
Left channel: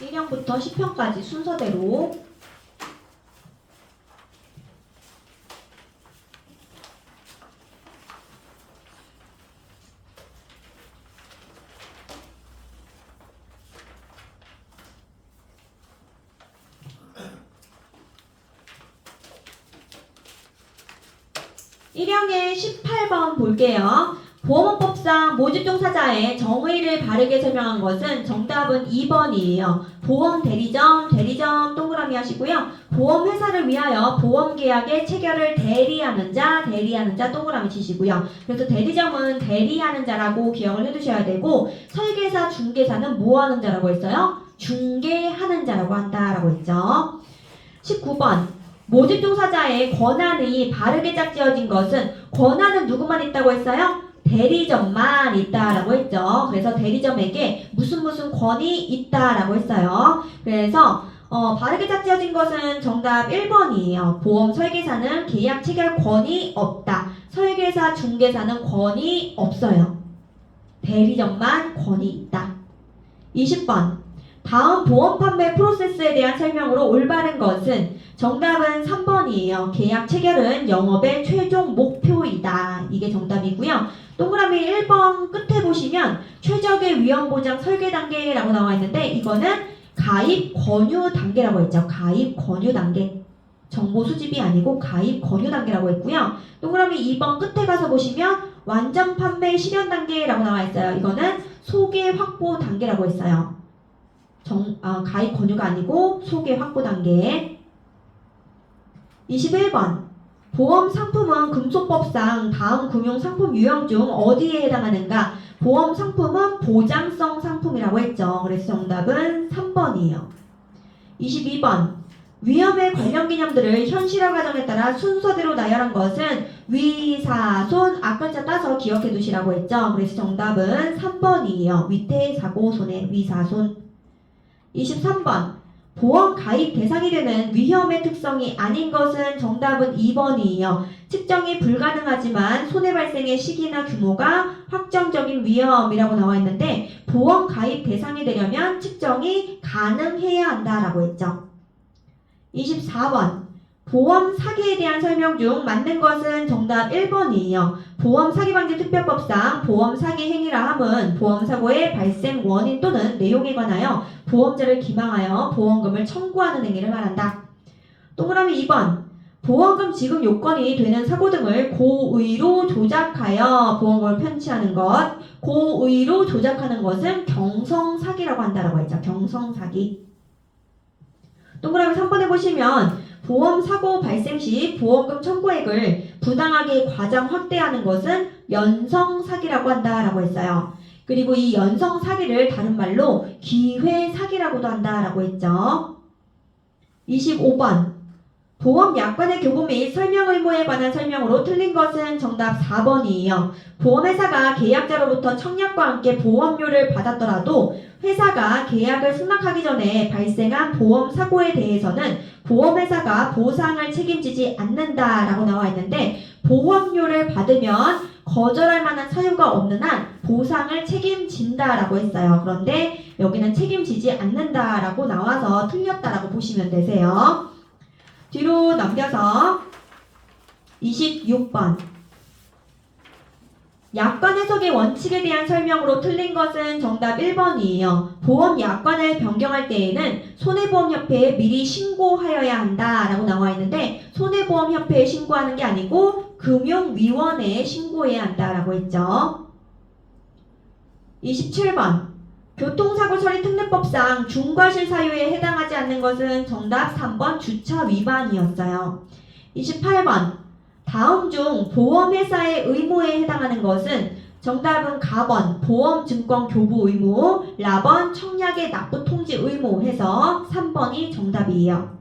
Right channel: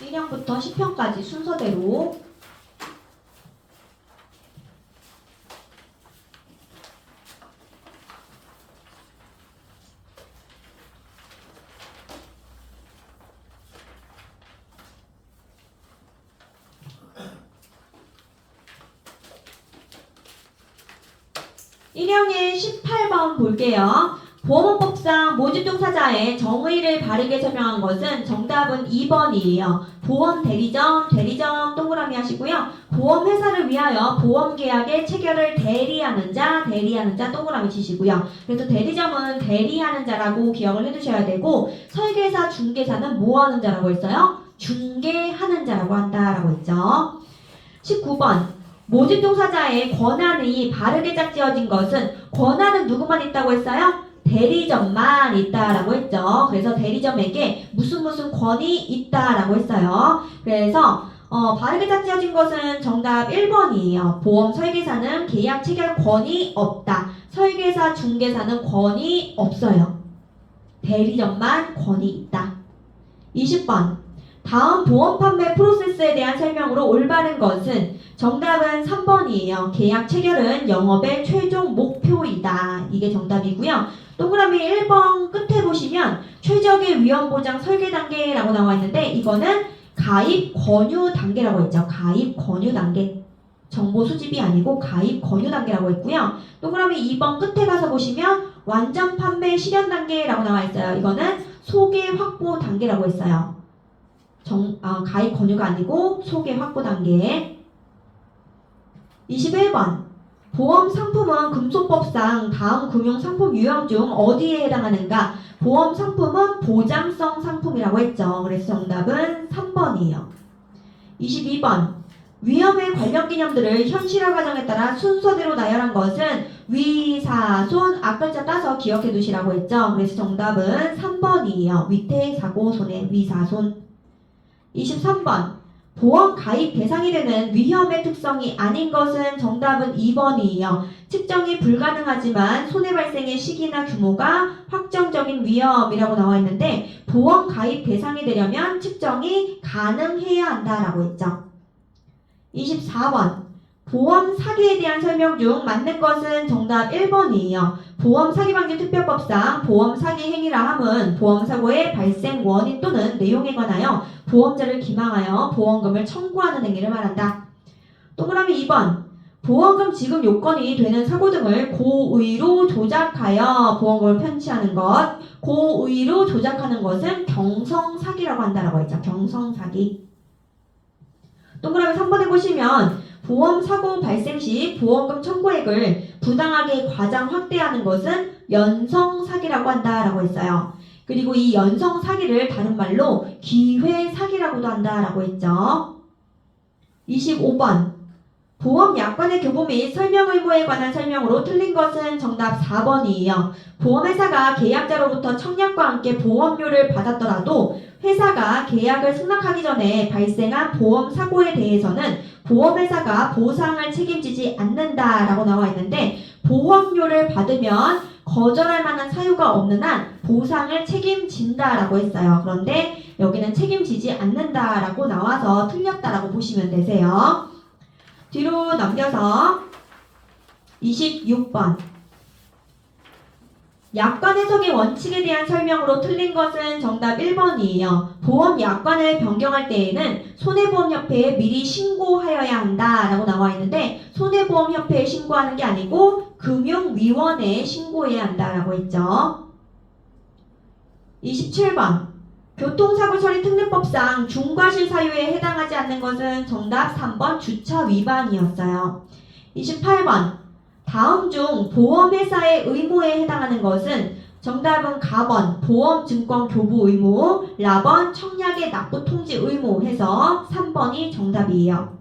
1형부터 10형까지 순서대로. 일형의 18번 볼게요. 보험업법상 모집종사자의 정의를 바르게 설명한 것은 정답은 2번이에요. 보험 대리점, 대리점 동그라미 하시고요. 보험회사를 위하여 보험계약의 체결을 대리하는 자 동그라미 치시고요. 그래서 대리점은 대리하는 자라고 기억을 해두셔야 되고, 설계사, 중개사는 뭐 하는 자라고 했어요? 중개하는 자라고 한다라고 했죠. 19번. 모집종사자의 권한이 바르게 짝지어진 것은, 권한은 누구만 있다고 했어요? 대리점만 있다라고 했죠. 그래서 대리점에게 무슨 권이 있다라고 했어요. 그래서 바르게 짝지어진 것은 정답 1번이에요. 보험 설계사는 계약 체결 권이 없다. 설계사, 중개사는 권이 없어요. 대리점만 권이 있다. 20번. 다음 보험 판매 프로세스에 대한 설명으로 올바른 것은, 정답은 3번이에요. 계약 체결은 영업의 최종 목표이다. 이게 정답이고요. 동그라미 1번 끝에 보시면 최적의 위험 보장 설계 단계라고 나와 있는데, 이거는 가입 권유 단계라고 했죠. 가입 권유 단계. 정보 수집이 아니고 가입 권유 단계라고 했고요. 동그라미 2번 끝에 가서 보시면 완전 판매 실현 단계라고 나와 있어요. 이거는 소개 확보 단계라고 했어요. 가입 권유가 아니고 소개 확보 단계. 21번. 보험 상품은 금속법상 다음 금융상품 유형 중 어디에 해당하는가? 보험 상품은 보장성 상품이라고 했죠. 그래서 정답은 3번이에요. 22번. 위험의 관련 개념들을 현실화 과정에 따라 순서대로 나열한 것은 위사손, 앞글자 따서 기억해 두시라고 했죠. 그래서 정답은 3번이에요. 위태, 사고, 손해, 위사손. 23번. 보험 가입 대상이 되는 위험의 특성이 아닌 것은 정답은 2번이에요. 측정이 불가능하지만 손해 발생의 시기나 규모가 확정적인 위험이라고 나와 있는데, 보험 가입 대상이 되려면 측정이 가능해야 한다라고 했죠. 24번. 보험 사기에 대한 설명 중 맞는 것은 정답 1번이에요. 보험 사기 방지 특별법상 보험 사기 행위라 함은 보험 사고의 발생 원인 또는 내용에 관하여 보험자를 기망하여 보험금을 청구하는 행위를 말한다. 동그라미 2번. 보험금 지급 요건이 되는 사고 등을 고의로 조작하여 보험금을 편취하는 것. 고의로 조작하는 것은 경성사기라고 한다라고 했죠. 경성사기. 동그라미 3번에 보시면 보험 사고 발생 시 보험금 청구액을 부당하게 과장 확대하는 것은 연성 사기라고 한다라고 했어요. 그리고 이 연성 사기를 다른 말로 기회 사기라고도 한다라고 했죠. 25번. 보험 약관의 교부 및 설명 의무에 관한 설명으로 틀린 것은 정답 4번이에요. 보험회사가 계약자로부터 청약과 함께 보험료를 받았더라도 회사가 계약을 승낙하기 전에 발생한 보험 사고에 대해서는 보험회사가 보상을 책임지지 않는다라고 나와 있는데, 보험료를 받으면 거절할 만한 사유가 없는 한 보상을 책임진다라고 했어요. 그런데 여기는 책임지지 않는다라고 나와서 틀렸다라고 보시면 되세요. 뒤로 넘겨서 26번. 약관 해석의 원칙에 대한 설명으로 틀린 것은 정답 1번이에요. 보험 약관을 변경할 때에는 손해보험협회에 미리 신고하여야 한다라고 나와 있는데, 손해보험협회에 신고하는 게 아니고 금융위원회에 신고해야 한다라고 했죠. 27번. 교통사고 처리 특례법상 중과실 사유에 해당하지 않는 것은 정답 3번 주차 위반이었어요. 28번. 다음 중 보험회사의 의무에 해당하는 것은, 정답은 가번 보험증권 교부 의무, 라번 청약의 납부 통지 의무 해서 3번이 정답이에요.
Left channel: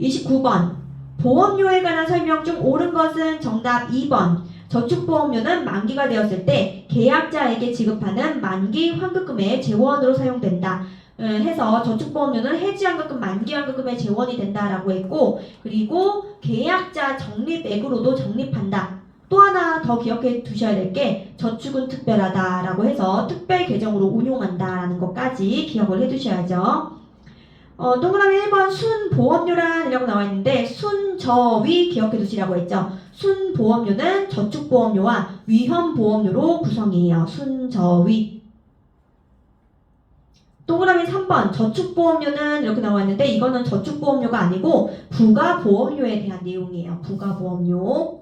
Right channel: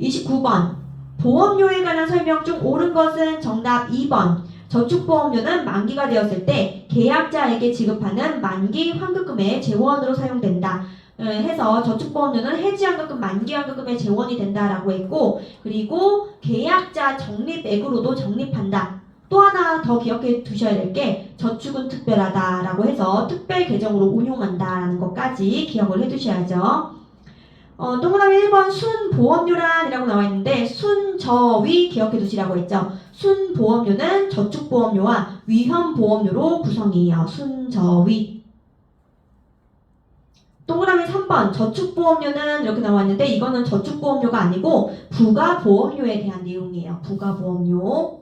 29번. 보험료에 관한 설명 중 옳은 것은 정답 2번. 저축보험료는 만기가 되었을 때 계약자에게 지급하는 만기 환급금의 재원으로 사용된다 해서 저축보험료는 해지환급금, 만기환급금의 재원이 된다라고 했고, 그리고 계약자 적립액으로도 적립한다. 또 하나 더 기억해 두셔야 될 게, 저축은 특별하다라고 해서 특별 계정으로 운용한다라는 것까지 기억을 해 두셔야죠. 동그라미 1번 순보험료란이라고 나와 있는데 순저위 기억해 두시라고 했죠. 순보험료는 저축보험료와 위험보험료로 구성이에요. 순저위. 동그라미 3번 저축보험료는 이렇게 나와 있는데 이거는 저축보험료가 아니고 부가보험료에 대한 내용이에요. 부가보험료.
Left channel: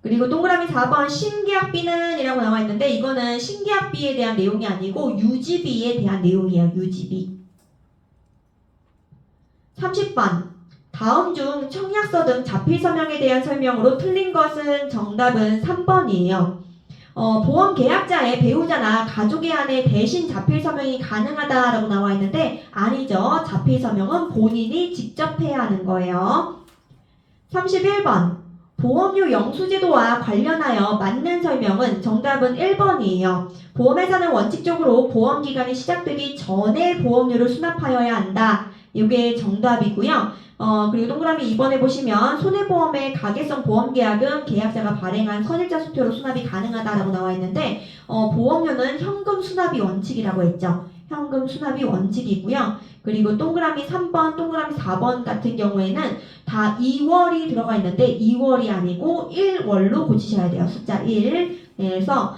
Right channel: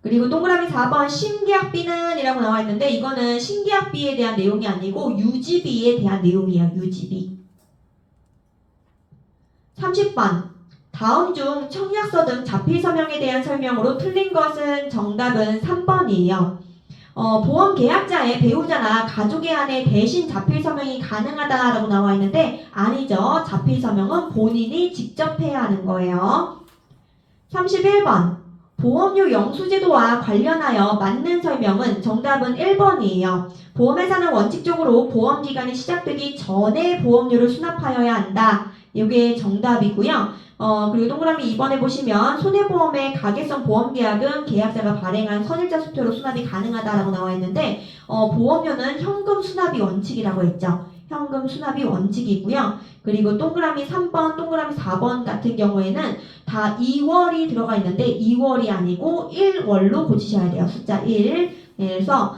그리고 동그라미 4번 신계약비는 이라고 나와 있는데 이거는 신계약비에 대한 내용이 아니고 유지비에 대한 내용이에요. 유지비. 30번 다음 중 청약서 등 자필서명에 대한 설명으로 틀린 것은 정답은 3번이에요. 보험 계약자의 배우자나 가족에 한해 대신 자필서명이 가능하다라고 나와 있는데 아니죠. 자필서명은 본인이 직접 해야 하는 거예요. 31번 보험료 영수제도와 관련하여 맞는 설명은 정답은 1번이에요. 보험회사는 원칙적으로 보험기간이 시작되기 전에 보험료를 수납하여야 한다. 이게 정답이고요. 그리고 동그라미 2번에 보시면 손해보험의 가계성 보험계약은 계약자가 발행한 선일자 수표로 수납이 가능하다라고 나와 있는데 보험료는 현금 수납이 원칙이라고 했죠. 현금 수납이 원칙이고요. 그리고 동그라미 3번, 동그라미 4번 같은 경우에는 다 2월이 들어가 있는데 2월이 아니고 1월로 고치셔야 돼요. 숫자 1. 그래서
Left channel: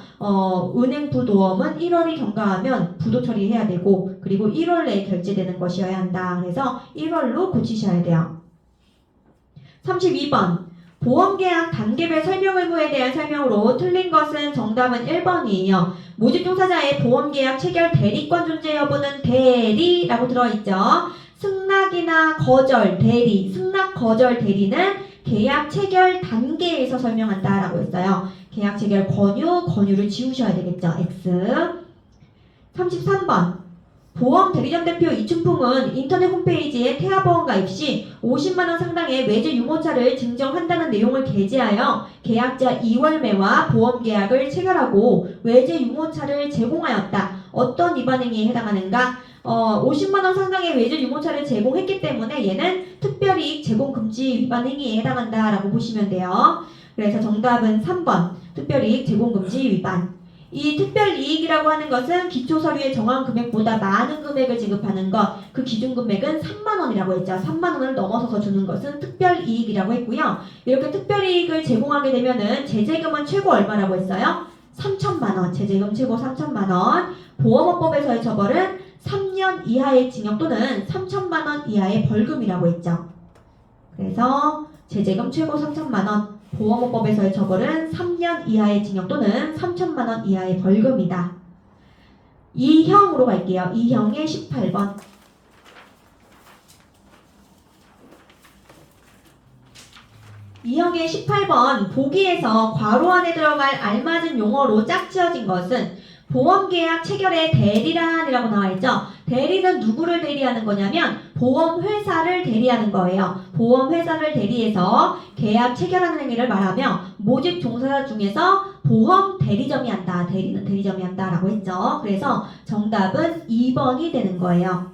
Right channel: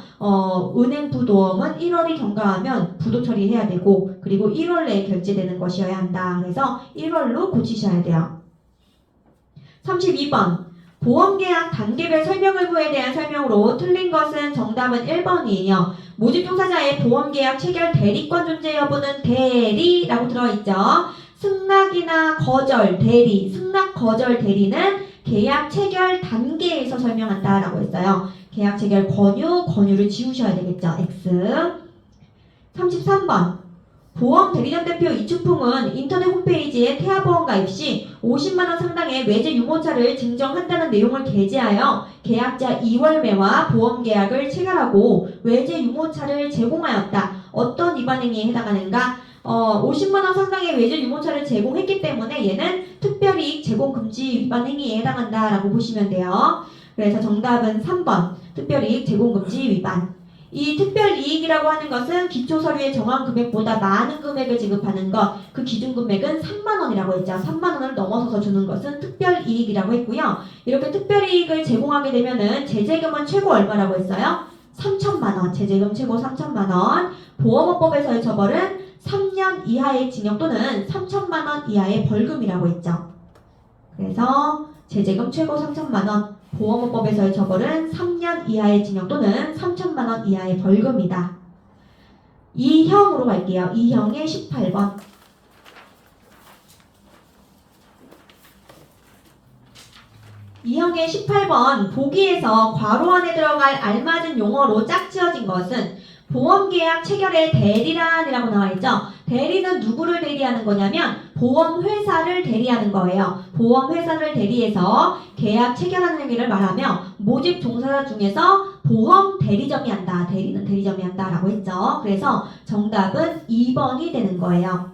은행 부도험은 1월이 경과하면 부도 처리해야 되고 그리고 1월 내에 결제되는 것이어야 한다. 그래서 1월로 고치셔야 돼요. 32번 보험계약 단계별 설명 의무에 대한 설명으로 틀린 것은 정답은 1번이에요. 모집 종사자의 보험계약 체결 대리권 존재 여부는 대리라고 들어있죠. 승낙이나 거절 대리, 승낙 거절 대리는 계약 체결 단계에서 설명한다라고 했어요. 계약 체결 권유를 지우셔야 되겠죠. X. 33번 보험 대리점 대표 이춘풍은 인터넷 홈페이지에 태아보험 가입 시 50만원 상당의 외제 유모차를 증정한다는 내용을 게재하여 계약자 이월매와 보험계약을 체결하고 외제 유모차를 제공하였다. 어떤 위반 행위에 해당하는가? 50만원 상당의 외제 유모차를 제공했기 때문에 얘는 특별이익 제공 금지 위반 행위에 해당한다라고 보시면 돼요. 그래서 정답은 3번 특별이익 제공 금지 위반. 이 특별이익이라고 하는 것은 기초서류에 정한 금액보다 많은 금액을 지급하는 것, 그 기준금액은 3만원이라고 했죠. 3만원을 넘어서서 주는 것은 특별이익이라고 했고요. 이렇게 특별이익을 제공하게 되면은 제재금은 최고 얼마라고 했어요? 3천만원. 제재금 최고 3천만원. 보험업법에서의 처벌은 3년 이하의 징역 또는 3천만원 이하의 벌금이라고 했죠. 그래서 제재금 최고 3천만원. 보험업법에서의 처벌은 3년 이하의 징역 또는 3천만원 이하의 벌금이다. 2형으로 갈게요. 2형의 18번. 2형의 18번 보기에서 괄호 안에 들어갈 알맞은 용어로 짝지어진 것은 보험계약 체결의 대리란이라고 나와있죠. 대리는 누구를 대리하는 거냐면 보험회사를 대리하는 거예요. 보험회사를 대리해서 계약 체결하는 행위를 말하며 모집 종사자 중에서 보험 대리점이 한다. 대리는 대리점이 한다라고 했죠. 그래서 정답은 2번이 되는 거예요.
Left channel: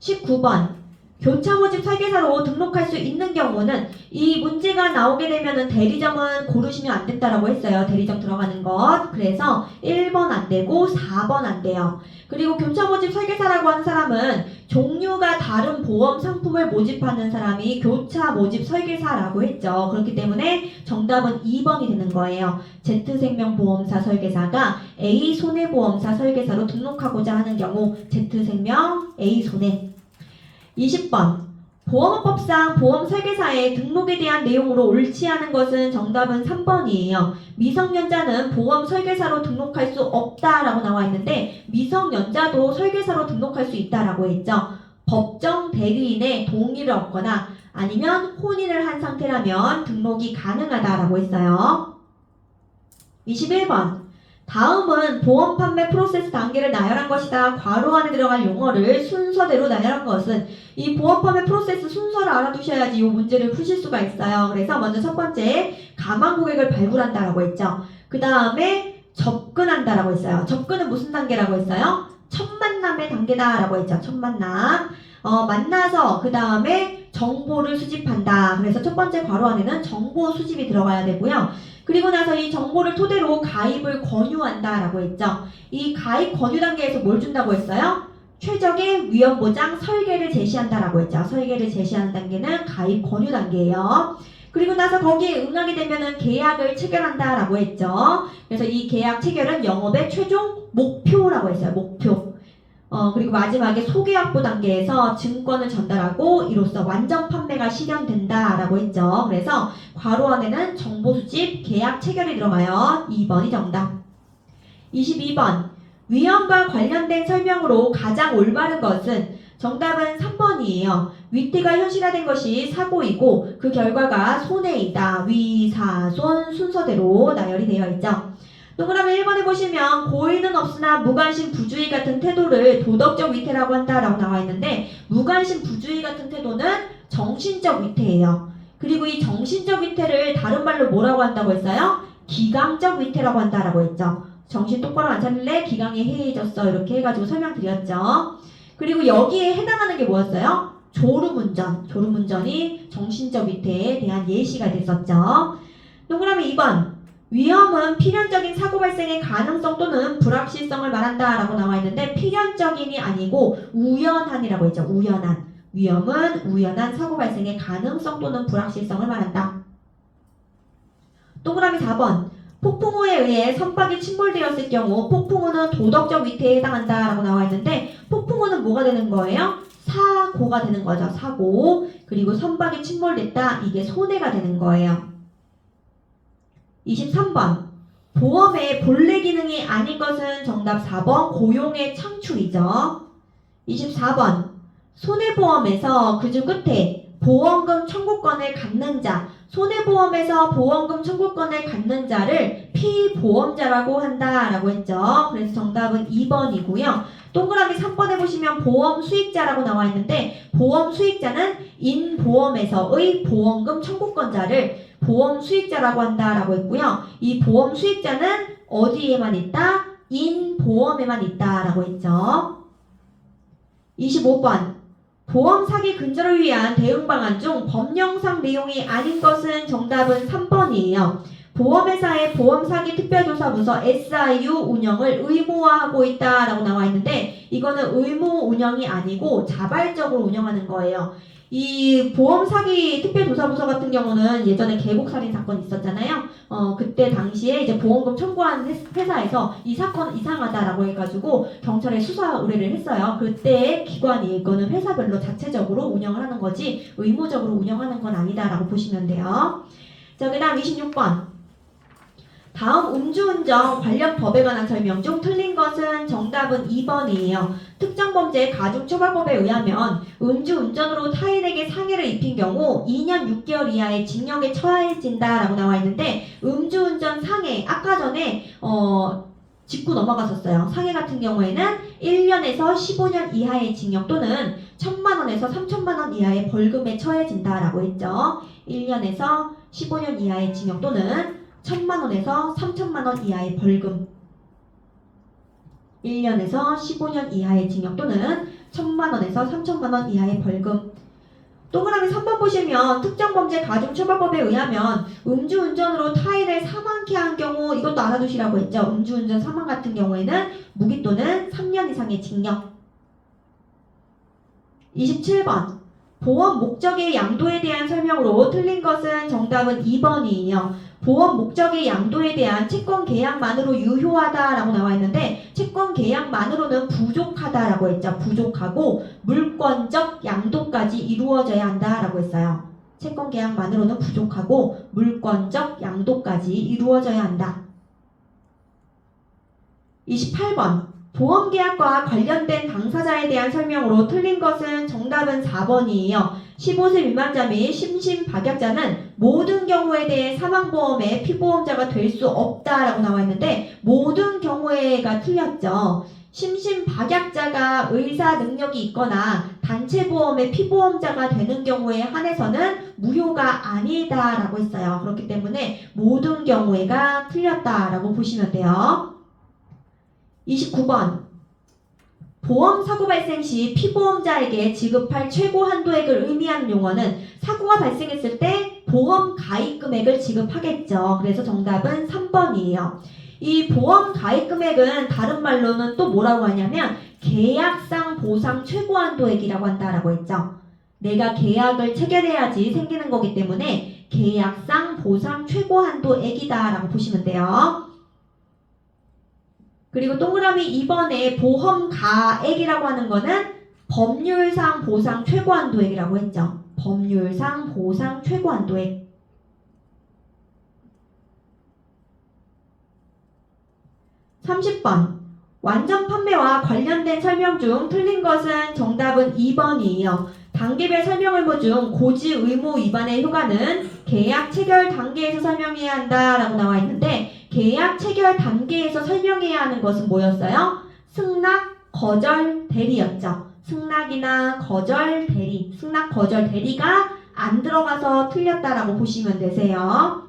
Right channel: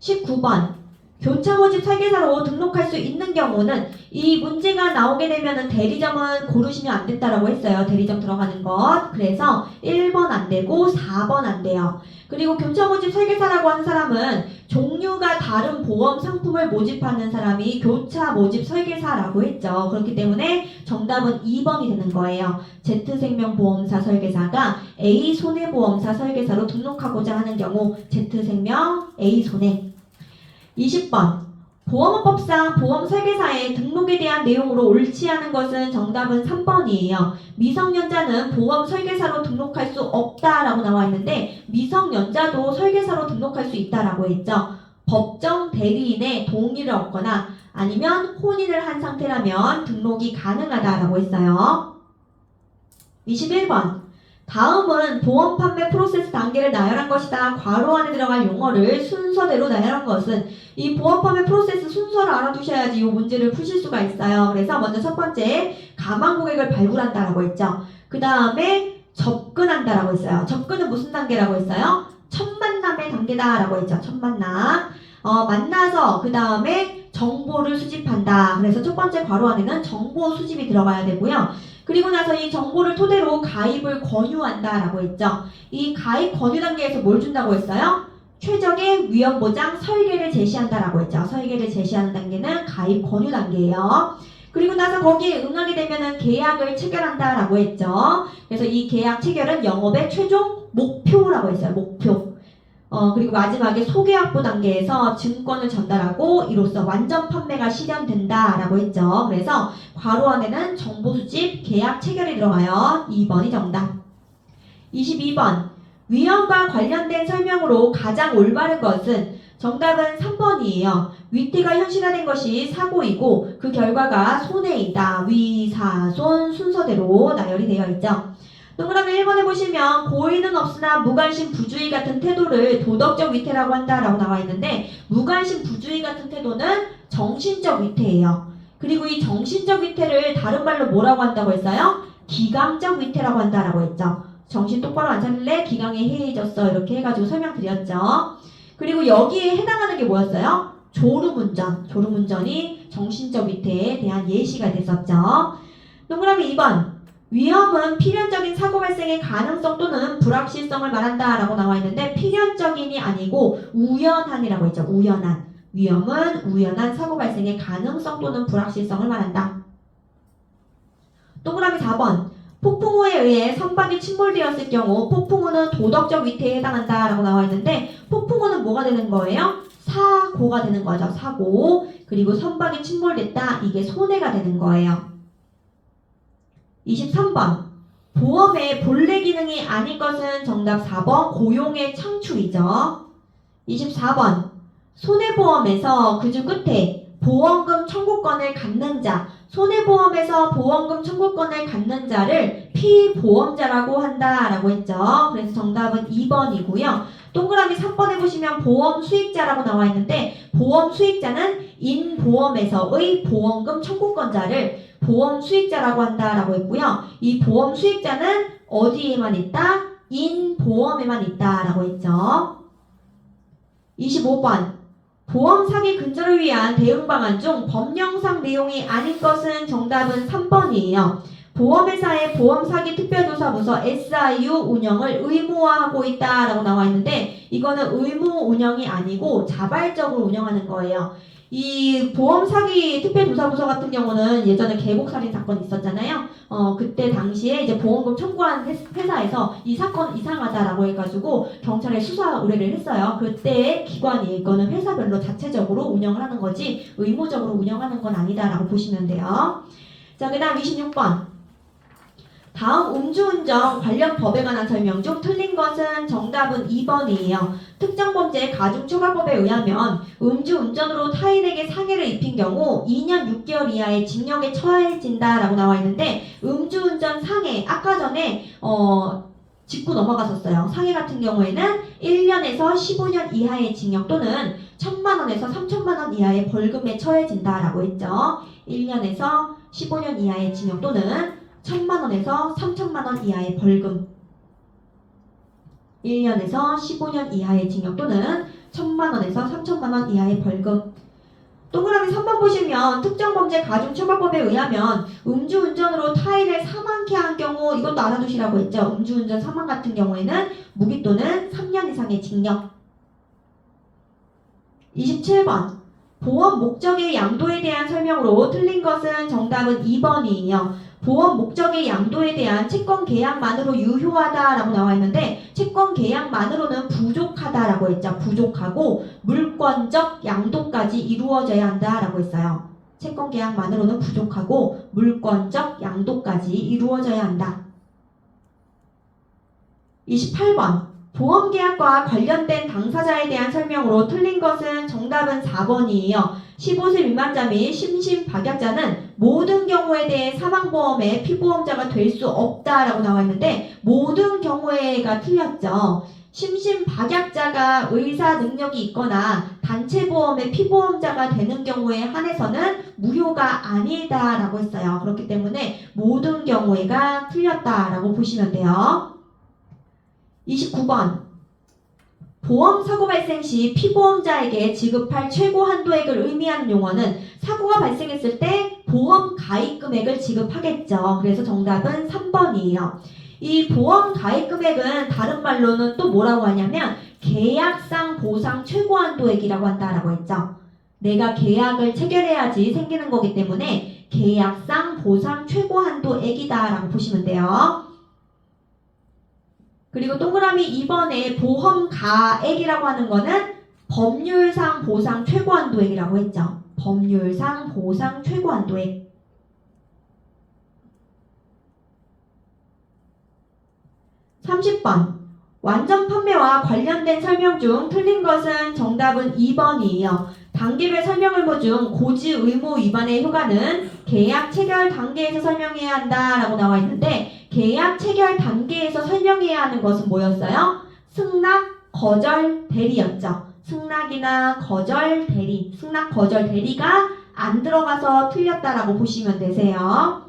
19번 교차 모집 설계사로 등록할 수 있는 경우는 이 문제가 나오게 되면은 대리점은 고르시면 안 된다라고 했어요. 대리점 들어가는 것. 그래서 1번 안 되고 4번 안 돼요. 그리고 교차 모집 설계사라고 하는 사람은 종류가 다른 보험 상품을 모집하는 사람이 교차 모집 설계사라고 했죠. 그렇기 때문에 정답은 2번이 되는 거예요. Z생명보험사 설계사가 A손해보험사 설계사로 등록하고자 하는 경우 Z생명, A손해. 20번 보험업법상 보험설계사의 등록에 대한 내용으로 옳지 않은 것은 정답은 3번이에요. 미성년자는 보험설계사로 등록할 수 없다라고 나와 있는데 미성년자도 설계사로 등록할 수 있다라고 했죠. 법정 대리인의 동의를 얻거나 아니면 혼인을 한 상태라면 등록이 가능하다라고 했어요. 21번 다음은 보험 판매 프로세스 단계를 나열한 것이다. 괄호 안에 들어갈 용어를 순서대로 나열한 것은 이 보험 판매 프로세스 순서를 알아두셔야지 이 문제를 푸실 수가 있어요. 그래서 먼저 첫 번째 가망 고객을 발굴한다라고 했죠. 그 다음에 접근한다라고 했어요. 접근은 무슨 단계라고 했어요? 첫 만남의 단계다라고 했죠. 첫 만남. 만나서 그 다음에 정보를 수집한다. 그래서 첫 번째 괄호 안에는 정보 수집이 들어가야 되고요. 그리고 나서 이 정보를 토대로 가입을 권유한다라고 했죠. 이 가입 권유 단계에서 뭘 준다고 했어요? 최적의 위험 보장 설계를 제시한다라고 했죠. 설계를 제시하는 단계는 가입 권유 단계예요. 그리고 나서 거기에 응하게 되면은 계약을 체결한다라고 했죠. 그래서 이 계약 체결은 영업의 최종 목표라고 했어요. 목표. 그리고 마지막에 소계약부 단계에서 증권을 전달하고 이로써 완전 판매가 실현된다라고 했죠. 그래서 괄호 안에는 정보 수집, 계약 체결이 들어가요. 2번이 정답. 22번. 위험과 관련된 설명으로 가장 올바른 것은 정답은 3번이에요. 위태가 현실화된 것이 사고이고 그 결과가 손해이다. 위, 사, 손 순서대로 나열이 되어 있죠. 동그라미 1번에 보시면 고의는 없으나 무관심 부주의 같은 태도를 도덕적 위태라고 한다라고 나와 있는데 무관심 부주의 같은 태도는 정신적 위태예요. 그리고 이 정신적 위태를 다른 말로 뭐라고 한다고 했어요? 기강적 위태라고 한다라고 했죠. 정신 똑바로 안 차릴래? 기강이 해이해졌어. 이렇게 해가지고 설명드렸죠. 그리고 여기에 해당하는 게 뭐였어요? 졸음운전. 졸음운전이 정신적 위태에 대한 예시가 됐었죠. 동그라미 2번. 위험은 필연적인 사고 발생의 가능성 또는 불확실성을 말한다 라고 나와 있는데 필연적인이 아니고 우연한이라고 했죠. 우연한. 위험은 우연한 사고 발생의 가능성 또는 불확실성을 말한다. 동그라미 4번. 폭풍우에 의해 선박이 침몰되었을 경우 폭풍우는 도덕적 위태에 해당한다 라고 나와 있는데 폭풍우는 뭐가 되는 거예요? 사고가 되는 거죠. 사고. 그리고 선박이 침몰됐다. 이게 손해가 되는 거예요. 23번. 보험의 본래 기능이 아닌 것은 정답 4번 고용의 창출이죠. 24번. 손해보험에서 그 중 끝에 보험금 청구권을 갖는 자, 손해보험에서 보험금 청구권을 갖는 자를 피보험자라고 한다라고 했죠. 그래서 정답은 2번이고요. 동그라미 3번에 보시면 보험 수익자라고 나와 있는데 보험 수익자는 인보험에서의 보험금 청구권자를 보험 수익자라고 한다라고 했고요. 이 보험 수익자는 어디에만 있다? 인보험에만 있다라고 했죠. 25번. 보험 사기 근절을 위한 대응 방안 중 법령상 내용이 아닌 것은 정답은 3번이에요. 보험회사의 보험사기 특별조사부서 SIU 운영을 의무화하고 있다라고 나와 있는데 이거는 의무 운영이 아니고 자발적으로 운영하는 거예요. 이 보험사기 특별조사부서 같은 경우는 예전에 계곡살인 사건 있었잖아요. 그때 당시에 이제 보험금 청구한 회사에서 이 사건 이상하다라고 해가지고 경찰에 수사 의뢰를 했어요. 그때 기관이 이거는 회사별로 자체적으로 운영을 하는 거지 의무적으로 운영하는 건 아니다라고 보시면 돼요. 자, 그 다음 26번. 다음 음주운전 관련 법에 관한 설명 중 틀린 것은 정답은 2번이에요. 특정범죄 가중처벌법에 의하면 음주운전으로 타인에게 상해를 입힌 경우 2년 6개월 이하의 징역에 처해진다라고 나와 있는데 음주운전 상해 아까 전에 짚고 넘어갔었어요. 상해 같은 경우에는 1년에서 15년 이하의 징역 또는 1,000만 원에서 3,000만 원 이하의 벌금에 처해진다라고 했죠. 1년에서 15년 이하의 징역 또는 1,000만 원에서 3,000만 원 이하의 벌금 1년에서 15년 이하의 징역 또는 1,000만 원에서 3,000만 원 이하의 벌금 동그라미 3번 보시면 특정범죄 가중처벌법에 의하면 음주운전으로 타인을 사망케 한 경우 이것도 알아두시라고 했죠. 음주운전 사망 같은 경우에는 무기 또는 3년 이상의 징역 27번 보험 목적의 양도에 대한 설명으로 틀린 것은 정답은 2번이에요. 보험 목적의 양도에 대한 채권 계약만으로 유효하다라고 나와 있는데 채권 계약만으로는 부족하다라고 했죠. 부족하고 물권적 양도까지 이루어져야 한다라고 했어요. 채권 계약만으로는 부족하고 물권적 양도까지 이루어져야 한다. 28번. 보험계약과 관련된 당사자에 대한 설명으로 틀린 것은 정답은 4번이에요. 15세 미만자 및 심신박약자는 모든 경우에 대해 사망보험의 피보험자가 될 수 없다라고 나와 있는데 모든 경우에가 틀렸죠. 심신박약자가 의사 능력이 있거나 단체보험의 피보험자가 되는 경우에 한해서는 무효가 아니다라고 했어요. 그렇기 때문에 모든 경우에가 틀렸다라고 보시면 돼요. 29번. 보험 사고 발생 시 피보험자에게 지급할 최고 한도액을 의미하는 용어는 사고가 발생했을 때 보험 가입 금액을 지급하겠죠. 그래서 정답은 3번이에요. 이 보험 가입 금액은 다른 말로는 또 뭐라고 하냐면 계약상 보상 최고한도액이라고 한다라고 했죠. 내가 계약을 체결해야지 생기는 거기 때문에 계약상 보상 최고한도액이다라고 보시면 돼요. 그리고 동그라미 2번에 보험가액이라고 하는 거는 법률상 보상 최고한도액이라고 했죠. 법률상 보상 최고한도액. 30번. 완전 판매와 관련된 설명 중 틀린 것은 정답은 2번이에요. 단계별 설명 의무 중 고지 의무 위반의 효과는 계약 체결 단계에서 설명해야 한다라고 나와 있는데 계약 체결 단계에서 설명해야 하는 것은 뭐였어요? 승낙, 거절, 대리였죠. 승낙이나 거절, 대리. 승낙, 거절, 대리가 안 들어가서 틀렸다라고 보시면 되세요.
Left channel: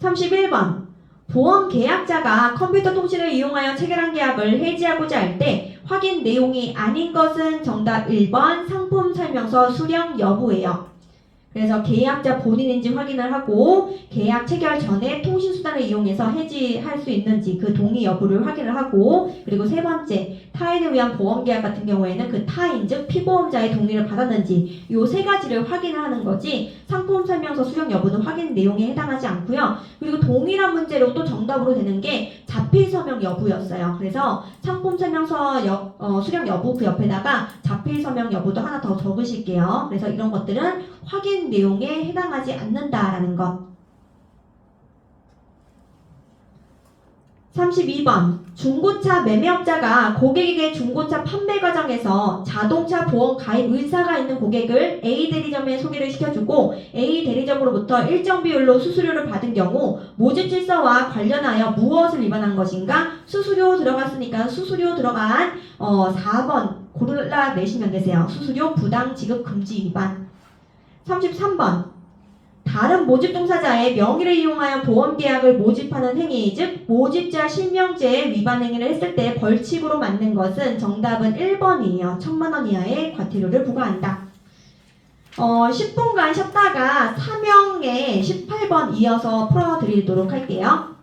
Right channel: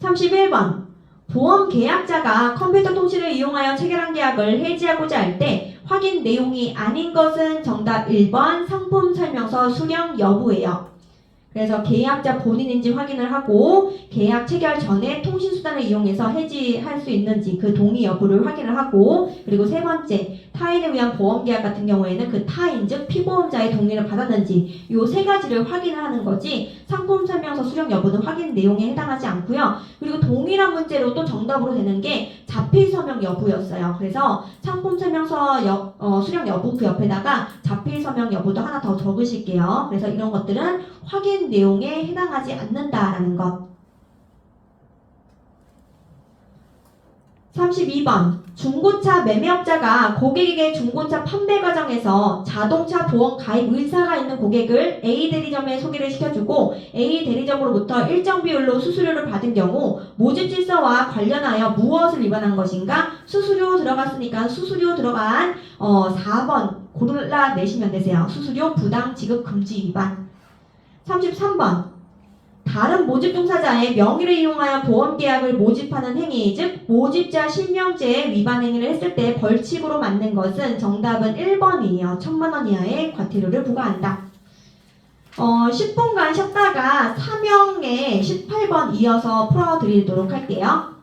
31번. 보험 계약자가 컴퓨터 통신을 이용하여 체결한 계약을 해지하고자 할 때 확인 내용이 아닌 것은 정답 1번 상품 설명서 수령 여부예요. 그래서 계약자 본인인지 확인을 하고 계약 체결 전에 통신수단을 이용해서 해지할 수 있는지 그 동의 여부를 확인을 하고 그리고 세 번째 타인에 의한 보험계약 같은 경우에는 그 타인 즉 피보험자의 동의를 받았는지 요 세 가지를 확인을 하는 거지 상품설명서 수령 여부는 확인 내용에 해당하지 않고요. 그리고 동일한 문제로 또 정답으로 되는 게 자필서명 여부였어요. 그래서 상품설명서 수령 여부 그 옆에다가 자필서명 여부도 하나 더 적으실게요. 그래서 이런 것들은 확인 내용에 해당하지 않는다라는 것. 32번. 중고차 매매업자가 고객에게 중고차 판매 과정에서 자동차 보험 가입 의사가 있는 고객을 A 대리점에 소개를 시켜주고 A 대리점으로부터 일정 비율로 수수료를 받은 경우 모집 질서와 관련하여 무엇을 위반한 것인가? 수수료 들어갔으니까 수수료 들어간 4번 골라내시면 되세요. 수수료 부당 지급 금지 위반. 33번. 다른 모집 종사자의 명의를 이용하여 보험계약을 모집하는 행위, 즉 모집자 실명제의 위반 행위를 했을 때 벌칙으로 맞는 것은 정답은 1번이에요. 1,000만 원 이하의 과태료를 부과한다. 10분간 쉬었다가 사명에 18번 이어서 풀어드리도록 할게요.